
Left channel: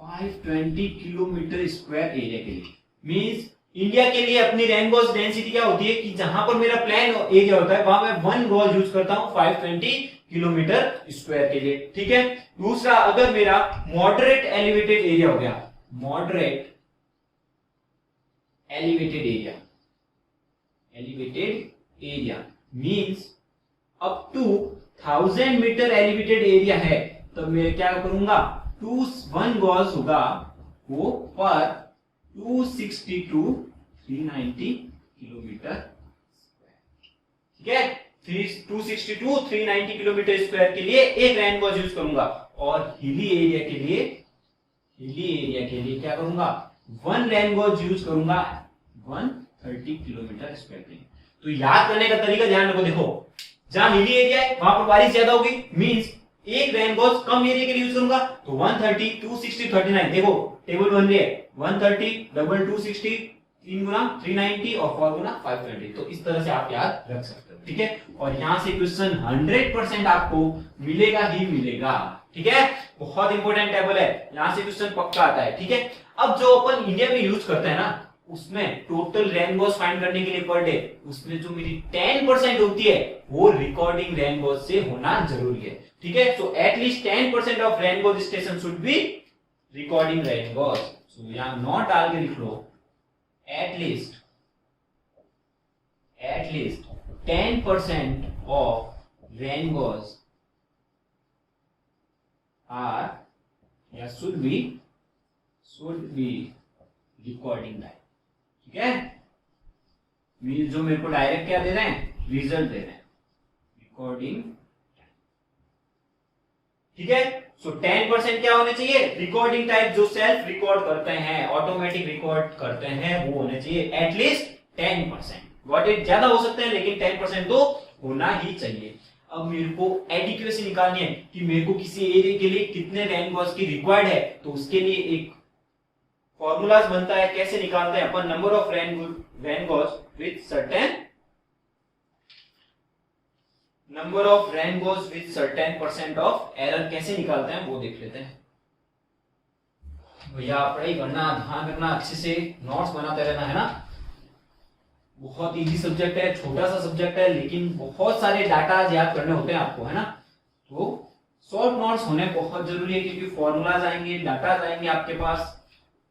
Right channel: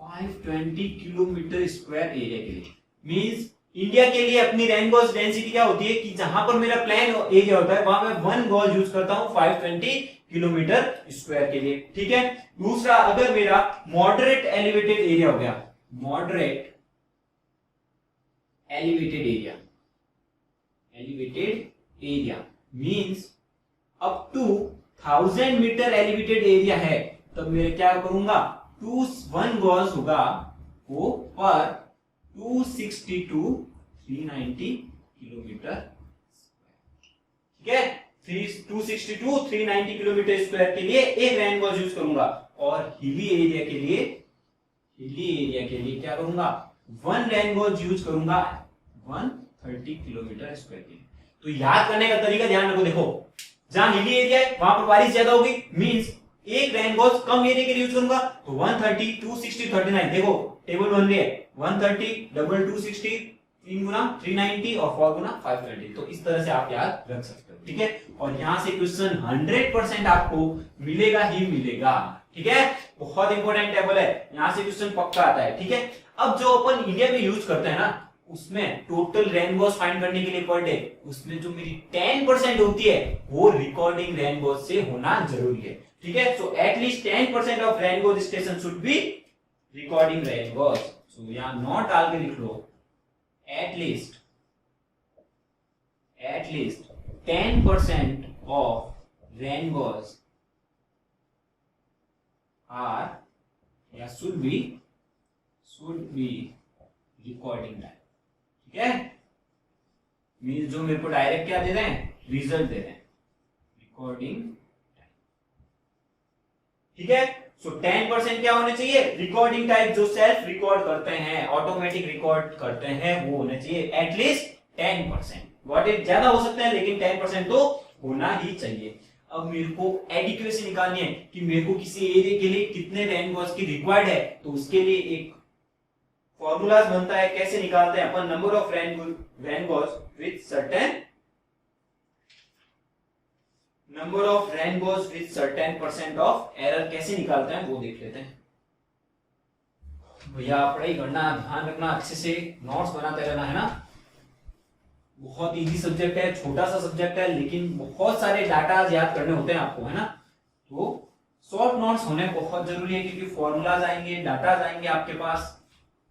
520 किलोमीटर स्क्वायर एरिया के लिए। मींस इंडिया के लिए अपनी रेन गॉज डेंसिटी क्या होती है कि जहां पर मेरा प्लेन एरिया होता है वहां मैं वन गॉज यूज करता हूं 520 किलोमीटर स्क्वायर के लिए, ठीक है। दूसरा, अगर मेरा मॉडरेट एलिवेटेड एरिया हो गया, moderate elevated area, elevated area means up to 1000 metre elevated area है, तो मैं क्या करूंगा, 1 गॉज होगा वो पर 262 390 किलोमीटर, ठीक है। 262 390 किलोमीटर स्क्वायर के लिए एक रेन गॉज यूज करूंगा। और हिली एरिया के लिए, हिली एरिया के लिए क्या करूंगा, वन रेन गॉज यूज करूंगा 130 किलोमीटर स्क्वायर के लिए। तो याद करने का तरीका ध्यान रखो, देखो जहां हिली एरिया है वहां पर बारिश ज्यादा होगी, मींस एक रेन गॉज कम एरिया के लिए यूज करूंगा, तो 130 260 39, देखो टेबल बन रही है 130 डबल 260 3 गुना 390 और 4 गुना 520। तो इस तरह से आप याद रख सकते हो, ठीक है। और यहां से क्वेश्चन 100% आपको मिलेगा ही मिलेगा, ठीक है। बहुत इंपॉर्टेंट टेबल है, यहां से क्वेश्चन पक्का आता है, ठीक है। अब जो अपन इंडिया में यूज करते हैं ना, उसमें टोटल रेन गॉज फाइंड करने के लिए पर डे, उसमें जो मेरी 10% होती है वो रिकॉर्डिंग रेन गॉज से होना जरूरी है, ठीक है। So at least 10% of rain gauge station should be recording rain gauge. So यहां नॉट डाल के लिख लो, at least 10% of rain gauge are या should be रिकॉर्डिंग टाइम, ठीक है, मींस जो मेरे को डायरेक्ट क्या दे रहे हैं, रिजल्ट दे रहे हैं, रिकॉर्डिंग टाइम, ठीक है। सो 10% क्या होने चाहिए, रिकॉर्डिंग टाइम, जो सेल्फ रिकॉर्ड करते हैं, ऑटोमेटिक रिकॉर्ड करते हैं, वो होने चाहिए एटलीस्ट 10%। गॉट इट, ज्यादा हो सकता है लेकिन 10% तो होना ही चाहिए। अब मेरे को एडिक्वेसी निकालनी है कि मेरे को किसी एरिया के लिए कितने रैन गॉस की रिक्वायर्ड है, तो उसके लिए एक फॉर्मूलाज बनता है। कैसे निकालते हैं अपन, number of rain gauges with certain, number of rain gauges with certain percent of error, कैसे निकालते हैं वो देख लेते हैं। भैया पढ़ाई करना, ध्यान रखना, अच्छे से नोट्स बनाते रहना, है ना। बहुत इजी सब्जेक्ट है, छोटा सा सब्जेक्ट है, लेकिन बहुत सारे डाटा याद करने होते हैं आपको, है ना। तो शॉर्ट नोट्स होने बहुत जरूरी है, क्योंकि फॉर्मूलाज आएंगे, डाटा आएंगे आपके पास,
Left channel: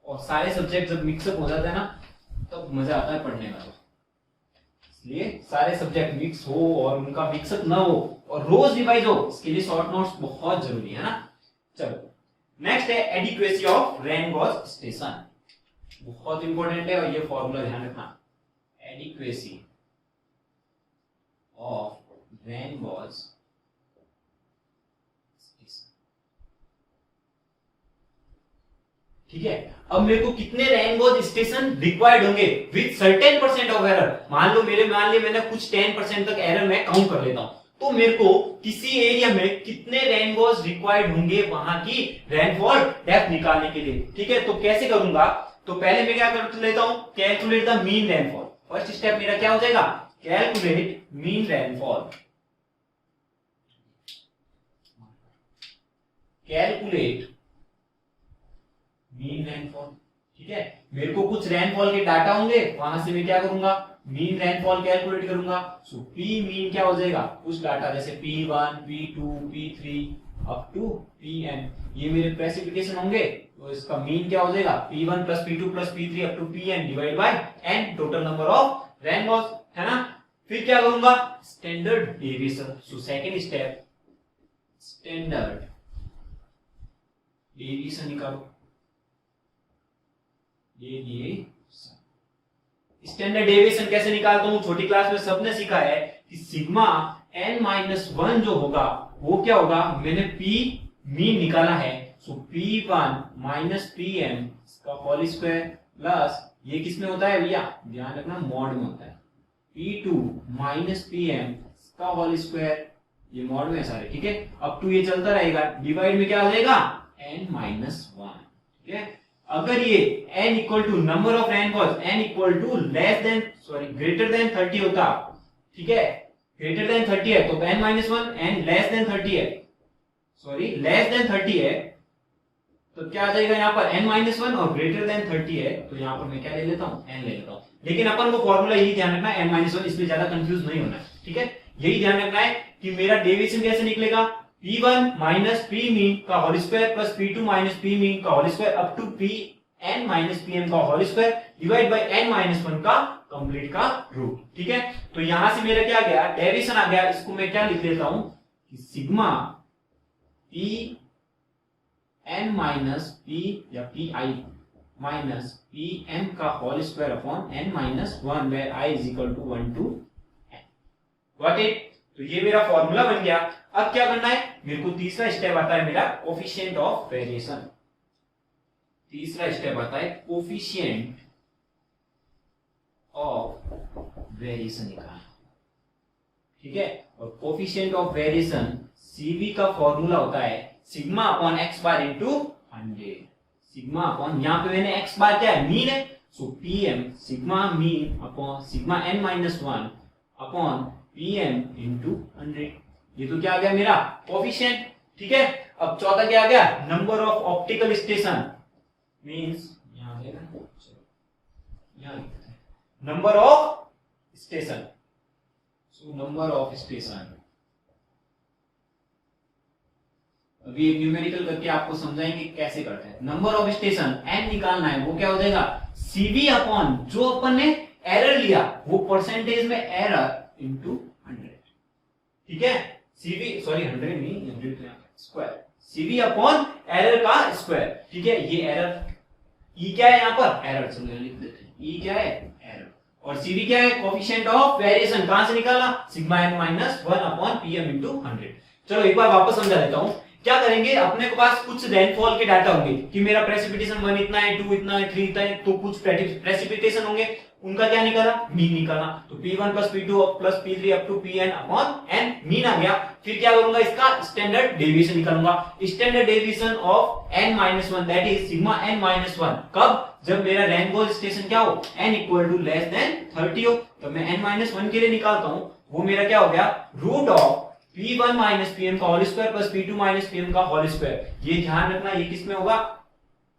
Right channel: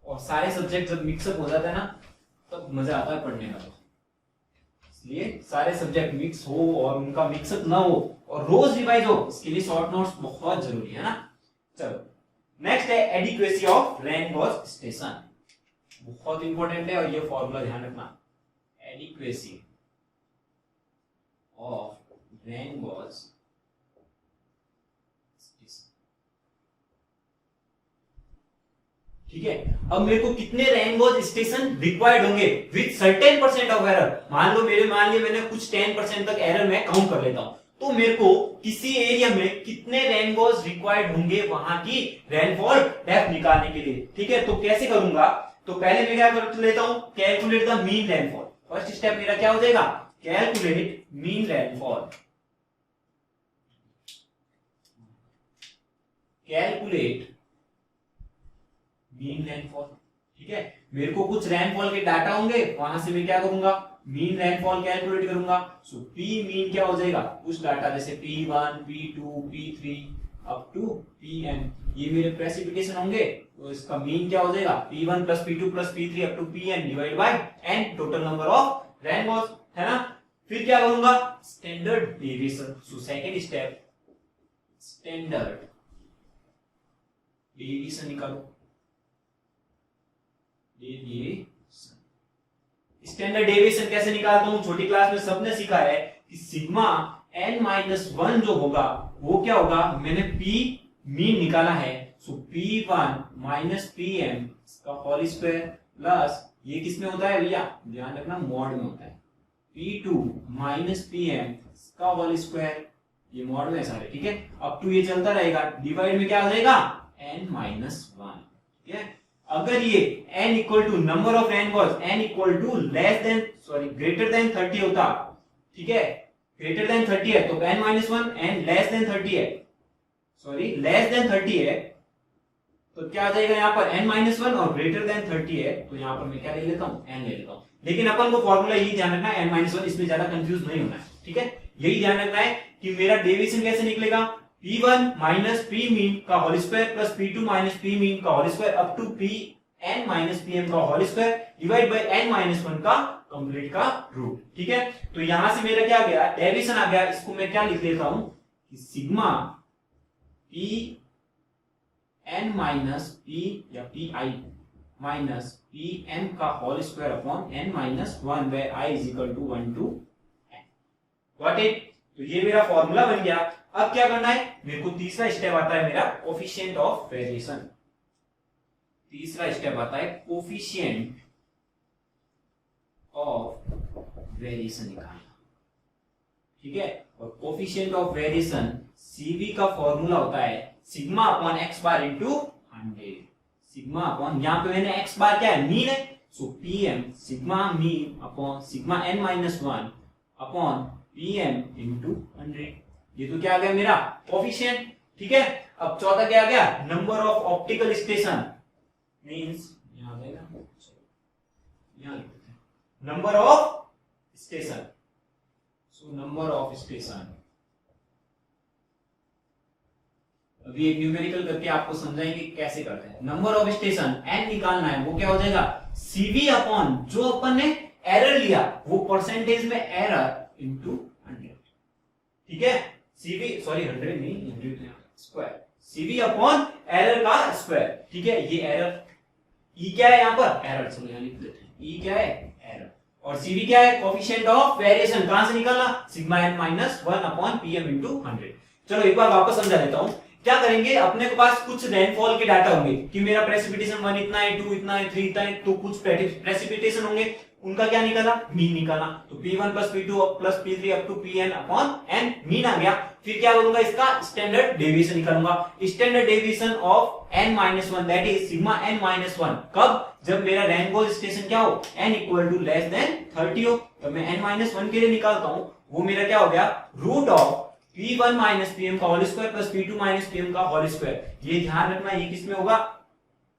और सारे सब्जेक्ट जब मिक्सअप हो जाते हैं ना, तब मजा आता है पढ़ने का। तो इसलिए सारे सब्जेक्ट मिक्स हो और उनका मिक्सअप ना हो और रोज रिवाइज हो, इसके लिए शॉर्ट नोट्स बहुत जरूरी है ना। चलो नेक्स्ट है adequacy of rain gauges station, बहुत इंपॉर्टेंट है, और ये फॉर्मूला ध्यान रखना, adequacy of van Gogh station, ठीक है। अब मेरे को कितने रैन गॉस स्टेशन रिक्वायर्ड होंगे with certain percent of error, मान लिया मैंने कुछ 10% तक एरर मैं काउंट कर लेता हूं, तो मेरे को किसी एरिया में कितने रैन गॉस रिक्वायर्ड होंगे वहां की रैनफॉल डेप्थ निकालने के लिए, ठीक है। तो कैसे करूंगा, तो पहले मैं क्या कर लेता हूं, calculate the mean rainfall. First step मेरा क्या हो जाएगा, calculate mean rainfall, calculate mean rainfall, ठीक है। मेरे को कुछ रैनफॉल के डाटा होंगे, वहां से मैं क्या करूंगा, मीन रैनफॉल कैलकुलेट करूंगा। सो पी मीन क्या हो जाएगा, कुछ डाटा जैसे P1, P2, P3 up to Pn, ये मेरे प्रेसिपिटेशन होंगे, तो इसका मीन क्या हो जाएगा, P1 plus P2 plus P3 up to Pn divide by n, total number of rain gauges, है ना। फिर क्या करूंगा, standard deviation. So second step, standard deviation निकालो, स्टैंडर्ड डेविएशन कैसे निकालता हूं, छोटी क्लास में सबने सीखा है कि सिग्मा n-1 जो होगा वो क्या होगा, मैंने P मीन निकाला है, सो P1 माइनस Pm का होल स्क्वायर प्लस, ये किस में होता है भैया, ध्यान रखना मॉड में होता है, P2 माइनस Pm का होल स्क्वायर, ये मॉड में है सारे, ठीक है। अप टू ये चलता रहेगा, डिवाइड में क्या आ जाएगा, n-1, ठीक है। अगर ये n equal to number of rain gauges, n equal to greater than 30 होता, ठीक है, ग्रेटर देन 30 है तो n-1, n लेस देन 30 है, लेस देन 30 है, तो क्या आ जाएगा यहाँ पर n-1, और ग्रेटर देन 30 है, तो यहाँ पर मैं क्या ले लेता हूँ, n ले लेता हूँ। लेकिन अपन को फॉर्मूला यही ध्यान रखना है, n-1, इसमें ज्यादा कंफ्यूज नहीं होना है, ठीक है। यही ध्यान रखना है कि मेरा डेविएशन कैसे निकलेगा, P1 माइनस P मीन का whole square plus P2 minus P mean का whole square up to Pn minus Pm का whole square divide by n-1 का कंप्लीट का रूट, ठीक है। तो यहां से मेरा क्या गया, डेविएशन आ गया, इसको मैं क्या लिख देता हूं कि सिग्मा Pn माइनस P या Pi माइनस Pm का whole square upon n-1 where I is equal to 1 to n, got it. तो ये मेरा फॉर्मूला बन गया। अब क्या करना है, मेरे को तीसरा स्टेप आता है मेरा कोफिशिएंट ऑफ वेरिएशन, तीसरा स्टेप आता है कोफिशिएंट ऑफ वेरिएशन निकालना, ठीक है। और कोफिशिएंट ऑफ वेरिएशन CV का फॉर्मूला होता है sigma upon x bar into 100, sigma upon, यहाँ पे मैंने x बार क्या है, मीन है, सो Pm sigma mean upon sigma n-1 upon Pm into 100, ये तो क्या आ गया मेरा कोफिशिएंट, ठीक है। अब चौथा क्या आ गया, number of optical station, means यहां आ जाएगा, यहां लिख देते हैं number of station, so number of station. अभी एक न्यूमेरिकल करके आपको समझाएंगे कैसे करते हैं। नंबर ऑफ स्टेशन n निकालना है, वो क्या हो जाएगा CV अपॉन जो अपन ने एरर लिया वो परसेंटेज में एरर इंटू 100, ठीक है। CV 100 नहीं, 100 स्क्वायर, CV अपॉन एरर का स्क्वायर, ठीक है। ये एरर, ई क्या है यहाँ पर, एरर, चलो यहाँ लिख देते हैं, ई क्या है, एरर, और सीवी क्या है, कोफिशिएंट ऑफ वेरिएशन, कहां से निकाला, sigma N minus 1 upon PM into 100। चलो एक बार वापस समझा देता हूं, क्या करेंगे, अपने के पास कुछ रेनफॉल के डाटा होंगे कि मेरा प्रेसिपिटेशन 1 इतना है, 2 इतना है, 3 इतना है, तो कुछ प्रेसिपिटेशन होंगे, उनका क्या निकाला, मीन निकाला, तो P1 plus P2 plus P3 up to Pn upon n mean आ गया। फिर क्या करूंगा, इसका स्टैंडर्ड डेविएशन निकालूंगा, standard deviation of n-1 that is sigma n-1, कब, जब मेरा रेनफॉल स्टेशन क्या हो, n equal to less than 30 हो, तो मैं n-1 के लिए निकालता हूं, वो मेरा क्या हो गया, root of P1 minus Pm का whole square plus P2 minus Pm का होल स्क्वायर। ये ध्यान रखना, ये किस में होगा,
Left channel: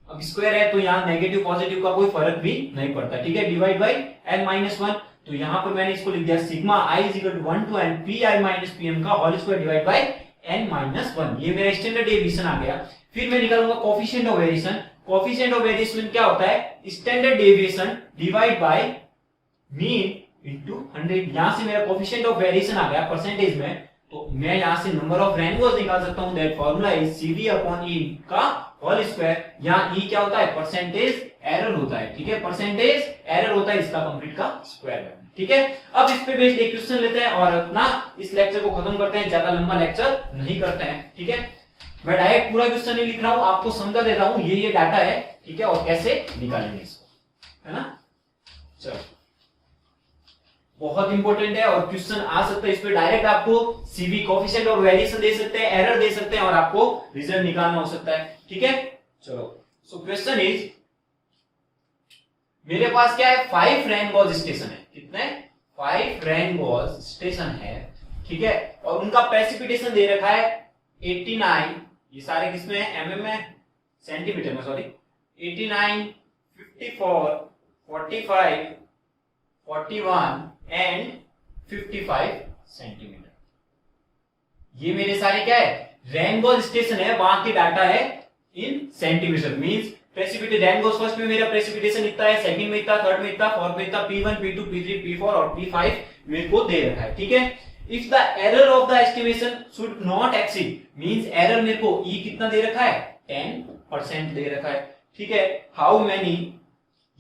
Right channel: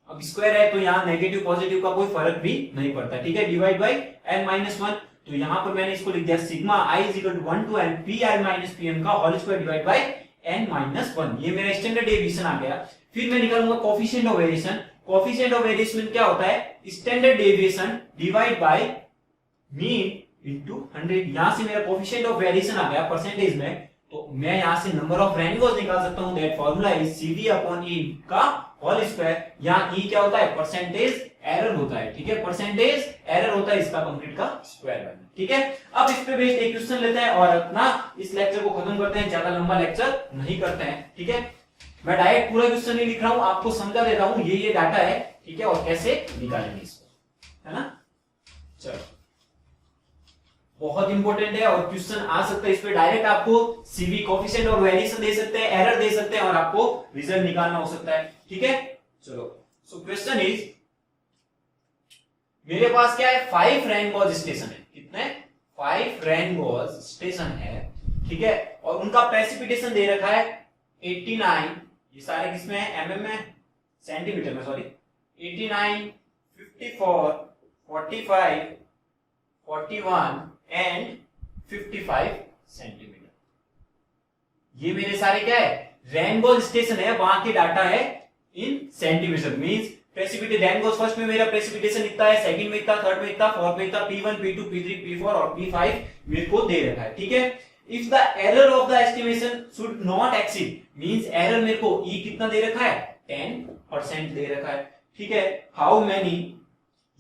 अब स्क्वायर है तो यहाँ नेगेटिव पॉजिटिव का कोई फर्क भी नहीं पड़ता, ठीक है, डिवाइड बाय n-1, तो यहाँ पर मैंने इसको लिख दिया sigma i is equal to 1 to n Pi minus Pm का whole square divide by n-1, ये मेरा स्टैंडर्ड डेविएशन आ गया। फिर मैं निकालूंगा coefficient of variation, coefficient of variation क्या होता है, standard deviation divide by mean into 100, यहां से मेरा कोफिशिएंट ऑफ वेरिएशन आ गया परसेंटेज में, तो मैं यहां से नंबर ऑफ रेनबोज निकाल सकता हूं, that formula is CV upon E का होल स्क्वायर, यहां E क्या होता है, परसेंटेज एरर होता है, ठीक है, परसेंटेज एरर होता है, इसका कंप्लीट का स्क्वायर करना, ठीक है। अब इस पे बेस्ड एक क्वेश्चन लेते हैं और अपना इस लेक्चर को खत्म करते हैं, ज्यादा लंबा लेक्चर नहीं करते हैं, ठीक है। मैं डायरेक्ट पूरा क्वेश्चन नहीं लिख रहा हूं, आपको समझा दे रहा हूं ये डाटा है, ठीक है, और कैसे निकालेंगे इसको, है ना। चलो बहुत इंपॉर्टेंट है और क्वेश्चन आ सकता है इस पे, डायरेक्ट आपको सीवी कोफिशिएंट और वेरिएशन दे सकते हैं, एरर दे सकते हैं और आपको रिजल्ट निकालना हो सकता है, ठीक है। चलो सो क्वेश्चन इज, मेरे पास क्या है, 5 रेनबोज स्टेशन है, कितने, 5 रेनबोज स्टेशन है, ठीक है, और उनका प्रेसिपिटेशन दे रखा है 89, ये सारे किसमें है, एमएम में, सेंटीमीटर में, सॉरी, 89, 54, 45, 41 एंड 55 सेंटीमीटर। ये मेरे सारे क्या है, रेनबोज स्टेशन है, वहां के डाटा है इन centimetre, means precipitation, rainbows first में मेरा प्रेसिपिटेशन इतना है, सेकंड में इतना, थर्ड में इतना, फोर्थ में इतना, P1 P2 P3 P4 और P5 मेरे को दे रखा है, ठीक है। If the error of the estimation should not exceed, means error मेरे को E कितना दे रखा है, 10% दे रखा है, ठीक है। हाउ मेनी,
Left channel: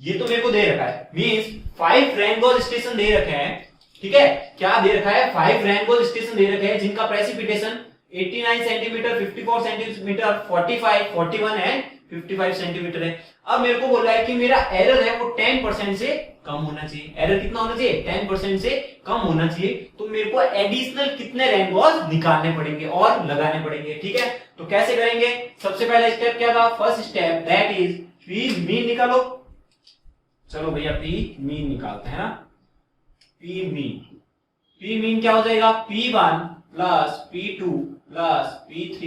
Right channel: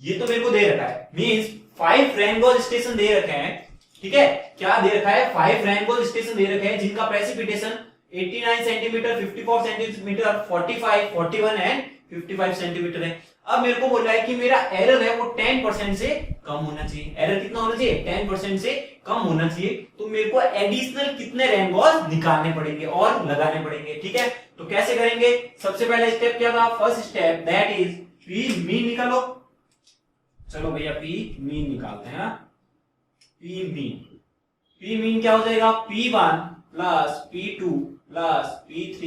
ये तो मेरे को दे रखा है, मींस 5 रेनबोज स्टेशन दे रखे हैं, ठीक है, क्या दे रखा है, 5 रेनबोज स्टेशन दे रखे हैं जिनका precipitation 89 centimetre, 54 centimetre, 45, 41 and 55 centimetre है। अब मेरे को बोल रहा है कि मेरा एरर है वो 10% से कम होना चाहिए, एरर कितना होना चाहिए, 10% से कम होना चाहिए, तो मेरे को एडिशनल कितने रेनबोज निकालने पड़ेंगे और लगाने पड़ेंगे, ठीक है। तो कैसे करेंगे, सबसे पहला स्टेप क्या था, first step that is P mean निकालो, चलो भैया P मीन निकालते हैं ना, P मीन क्या हो जाएगा, P1 plus P2 plus P3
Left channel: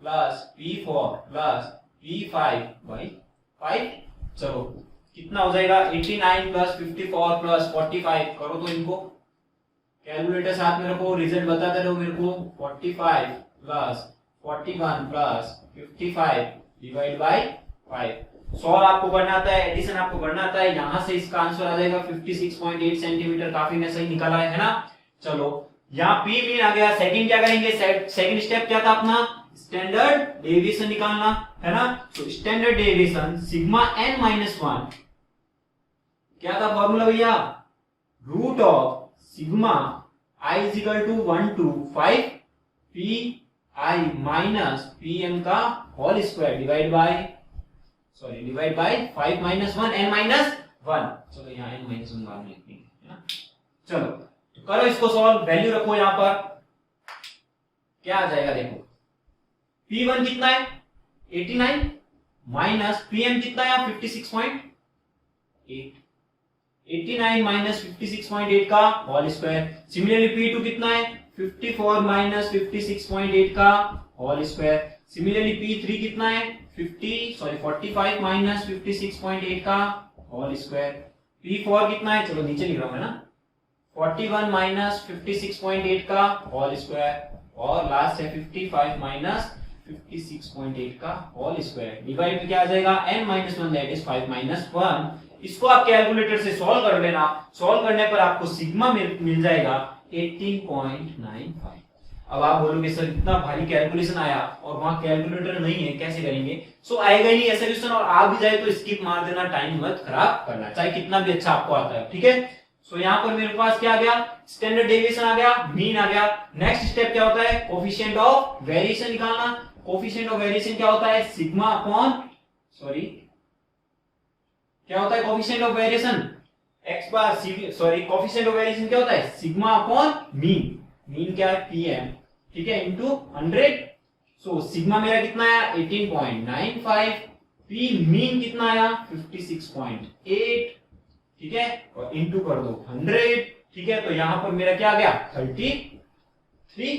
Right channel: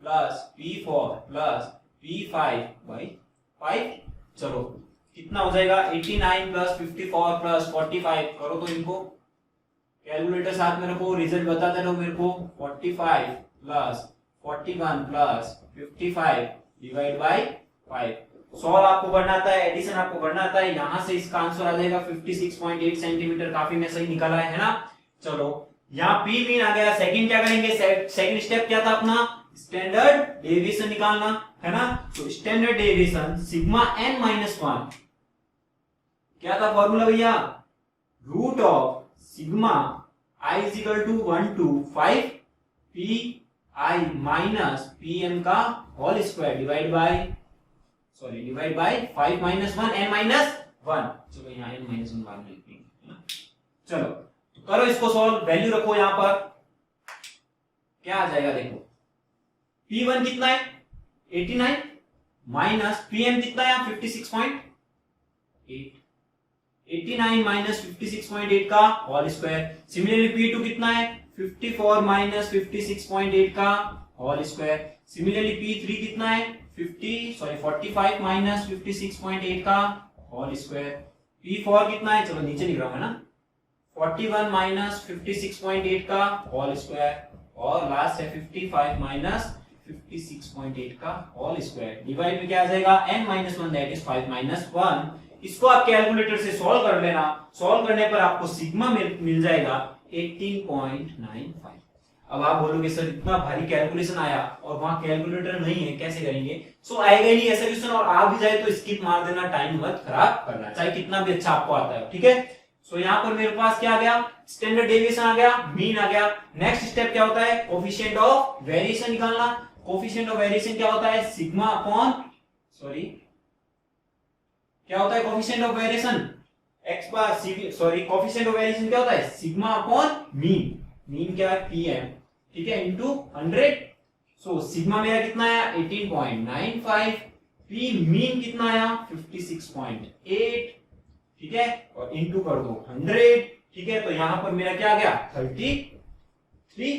plus P4 plus P5 by 5, चलो कितना हो जाएगा, 89 प्लस 54 प्लस 45, करो तो इनको कैलकुलेटर साथ में रखो, रिजल्ट बताते रहो मेरे को, 45 plus 41 plus 55 divide by 5, solve आपको करना आता है, एडिशन आपको करना आता है, यहां से इसका आंसर आ जाएगा 56.8 सेंटीमीटर, काफी ने सही निकाला है ना। चलो यहाँ P मीन आ गया, सेकंड क्या करेंगे, सेकंड स्टेप क्या था अपना, स्टैंडर्ड डेविएशन निकालना है ना, तो स्टैंडर्ड डेविएशन सिग्मा n-1 क्या था फॉर्मूला भैया, root of sigma i is equal to 1 to 5 Pi minus Pm का whole square divide by 5 minus 1 n-1, चलो यहाँ n-1 बाद में लिखेंगे ना। चलो तो करो इसको सॉल्व, वैल्यू रखो यहां पर, क्या आ जाएगा देखो, P1 कितना है 89 माइनस Pm कितना है 56.8, 89 माइनस 56.8 का होल स्क्वायर, सिमिलरली P2 कितना है 54 माइनस 56.8 का होल स्क्वायर, सिमिलरली P3 कितना है 45 माइनस 56.8 का होल स्क्वायर, P4 कितना है, चलो नीचे लिख रहा हूं है ना, 41 माइनस 56.8 का होल स्क्वायर, और लास्ट है 55 माइनस 56.8 का होल स्क्वायर, डिवाइड में क्या आ जाएगा n-1 दैट इज 5 माइनस 1, इसको आप कैलकुलेटर से सॉल्व कर लेना, सॉल्व करने पर आपको सिग्मा मिल जाएगा 18.95। अब आप बोलोगे सर इतना भारी कैलकुलेशन आया और वहां कैलकुलेटर नहीं है, कैसे करेंगे? सो आएगा ही नहीं ऐसा क्वेश्चन, और आ भी जाए तो स्किप मार देना, टाइम मत खराब करना, चाहे कितना भी अच्छा आपको आता है, ठीक है? सो यहाँ पर मेरे पास क्या आ गया? स्टैंडर्ड डेविएशन आ गया, मीन आ गया। नेक्स्ट स्टेप क्या होता है? कोफिशिएंट ऑफ वेरिएशन निकालना। कोफिशिएंट ऑफ वेरिएशन क्या होता है? सिग्मा अपॉन, सॉरी क्या होता है coefficient of variation? X bar sorry coefficient of variation क्या होता है? Sigma upon mean. मीन क्या है? पीएम, ठीक है, इनटू 100। सो सिग्मा मेरा कितना आया? 18.95। पी मीन कितना आया? 56.8, ठीक है, और इनटू कर दो 100, ठीक है, तो यहां पर मेरा क्या आ गया? 33,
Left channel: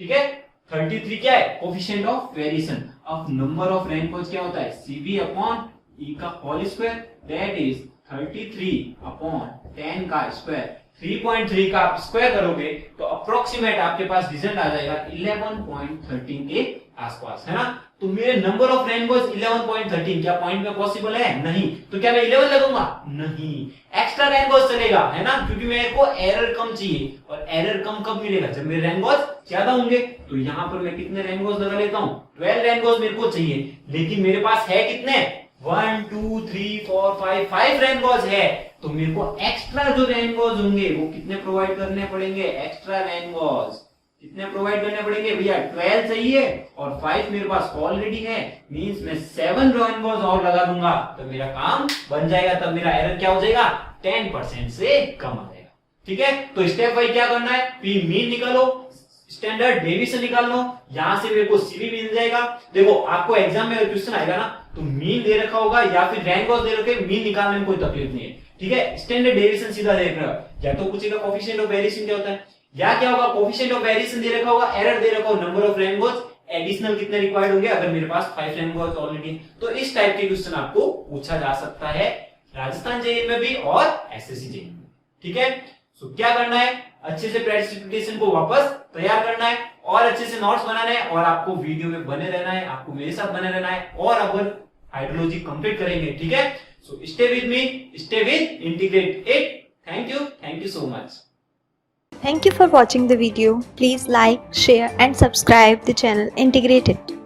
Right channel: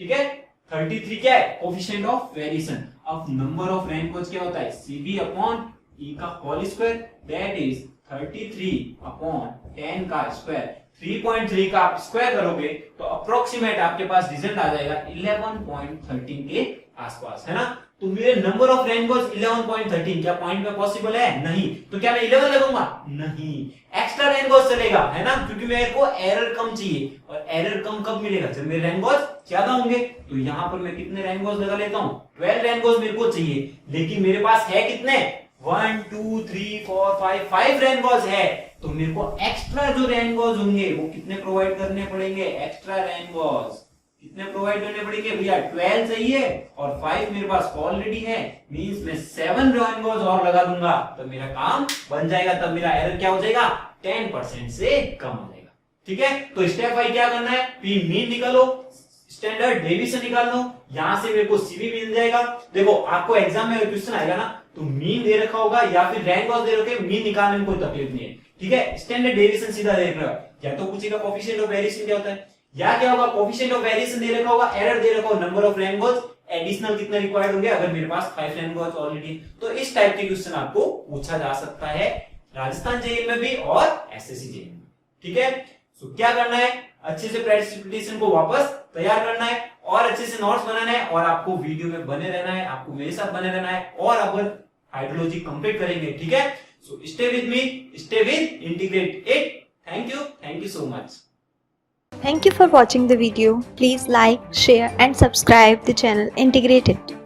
ठीक है, 33 क्या है? Coefficient of variation. अब नंबर ऑफ रेनबोज क्या होता है? सीवी अपॉन ई का whole square, that is 33 upon 10 का स्क्वायर। 3.3 का आप स्क्वायर करोगे तो अप्रोक्सीमेट आपके पास रिजल्ट आ जाएगा 11.13 के आसपास, है ना? तो मेरे नंबर ऑफ रेनबोज 11.13 क्या पॉइंट में पॉसिबल है? नहीं। तो क्या मैं 11 लगूंगा? नहीं, एक्स्ट्रा रेनबोज चलेगा, है ना, क्योंकि मेरे को एरर कम चाहिए, और एरर कम कब मिलेगा? जब मेरे रेनबोज ज्यादा होंगे। तो यहां पर मैं कितने रेनबोज लगा लेता हूं? 12 रेनबोज मेरे को चाहिए, लेकिन मेरे पास है कितने? 1 2 3 4 5 रेनबोज है। तो मेरे को एक्स्ट्रा जो रेनबोज होंगे वो कितने प्रोवाइड करने पड़ेंगे? एक्स्ट्रा रेनबोज कितने प्रोवाइड करने पड़ेंगे भैया? 12 चाहिए और 5 मेरे पास ऑलरेडी है, मींस मैं 7 रेनबोज और लगा दूंगा तो मेरा काम बन जाएगा। तब मेरा एरर क्या हो जाएगा? 10% से कम आ जाएगा, ठीक है? तो स्टेप वाइज क्या करना है? पी मीन निकालो, स्टैंडर्ड डेविएशन निकाल लो, यहां से मेरे को सीवी मिल जाएगा। देखो आपको एग्जाम में क्वेश्चन आएगा ना, तो मीन दे रखा होगा या फिर रेनबोज दे रखे, मीन निकालने में कोई तकलीफ नहीं है, ठीक है? स्टैंडर्ड डेविएशन सीधा देख रहा है, या तो पूछेगा कोफिशिएंट ऑफ वेरिएशन क्या होता है, या क्या होगा? कोफिशिएंट ऑफ वेरिएशन दे रखा होगा, एरर दे रखा होगा, नंबर ऑफ रेनबोज एडिशनल कितने रिक्वायर्ड होंगे अगर मेरे पास 5 रेनबोज ऑलरेडी। तो इस टाइप के क्वेश्चन आपको पूछा जा सकता है राजस्थान जेईई में भी और एसएससी जेईई में, ठीक है? सो क्या करना है? अच्छे से प्रेसिपिटेशन को वापस तैयार करना है और अच्छे से नोट्स बनाना है, और आपको वीडियो में बने रहना है, आपको मेरे साथ बने रहना है, और अपन हाइड्रोलॉजी कंप्लीट करेंगे, ठीक है? So stay with me, stay with integrate it. Thank you so much. Thank you for watching the video. Please like, share and subscribe the channel Integrated.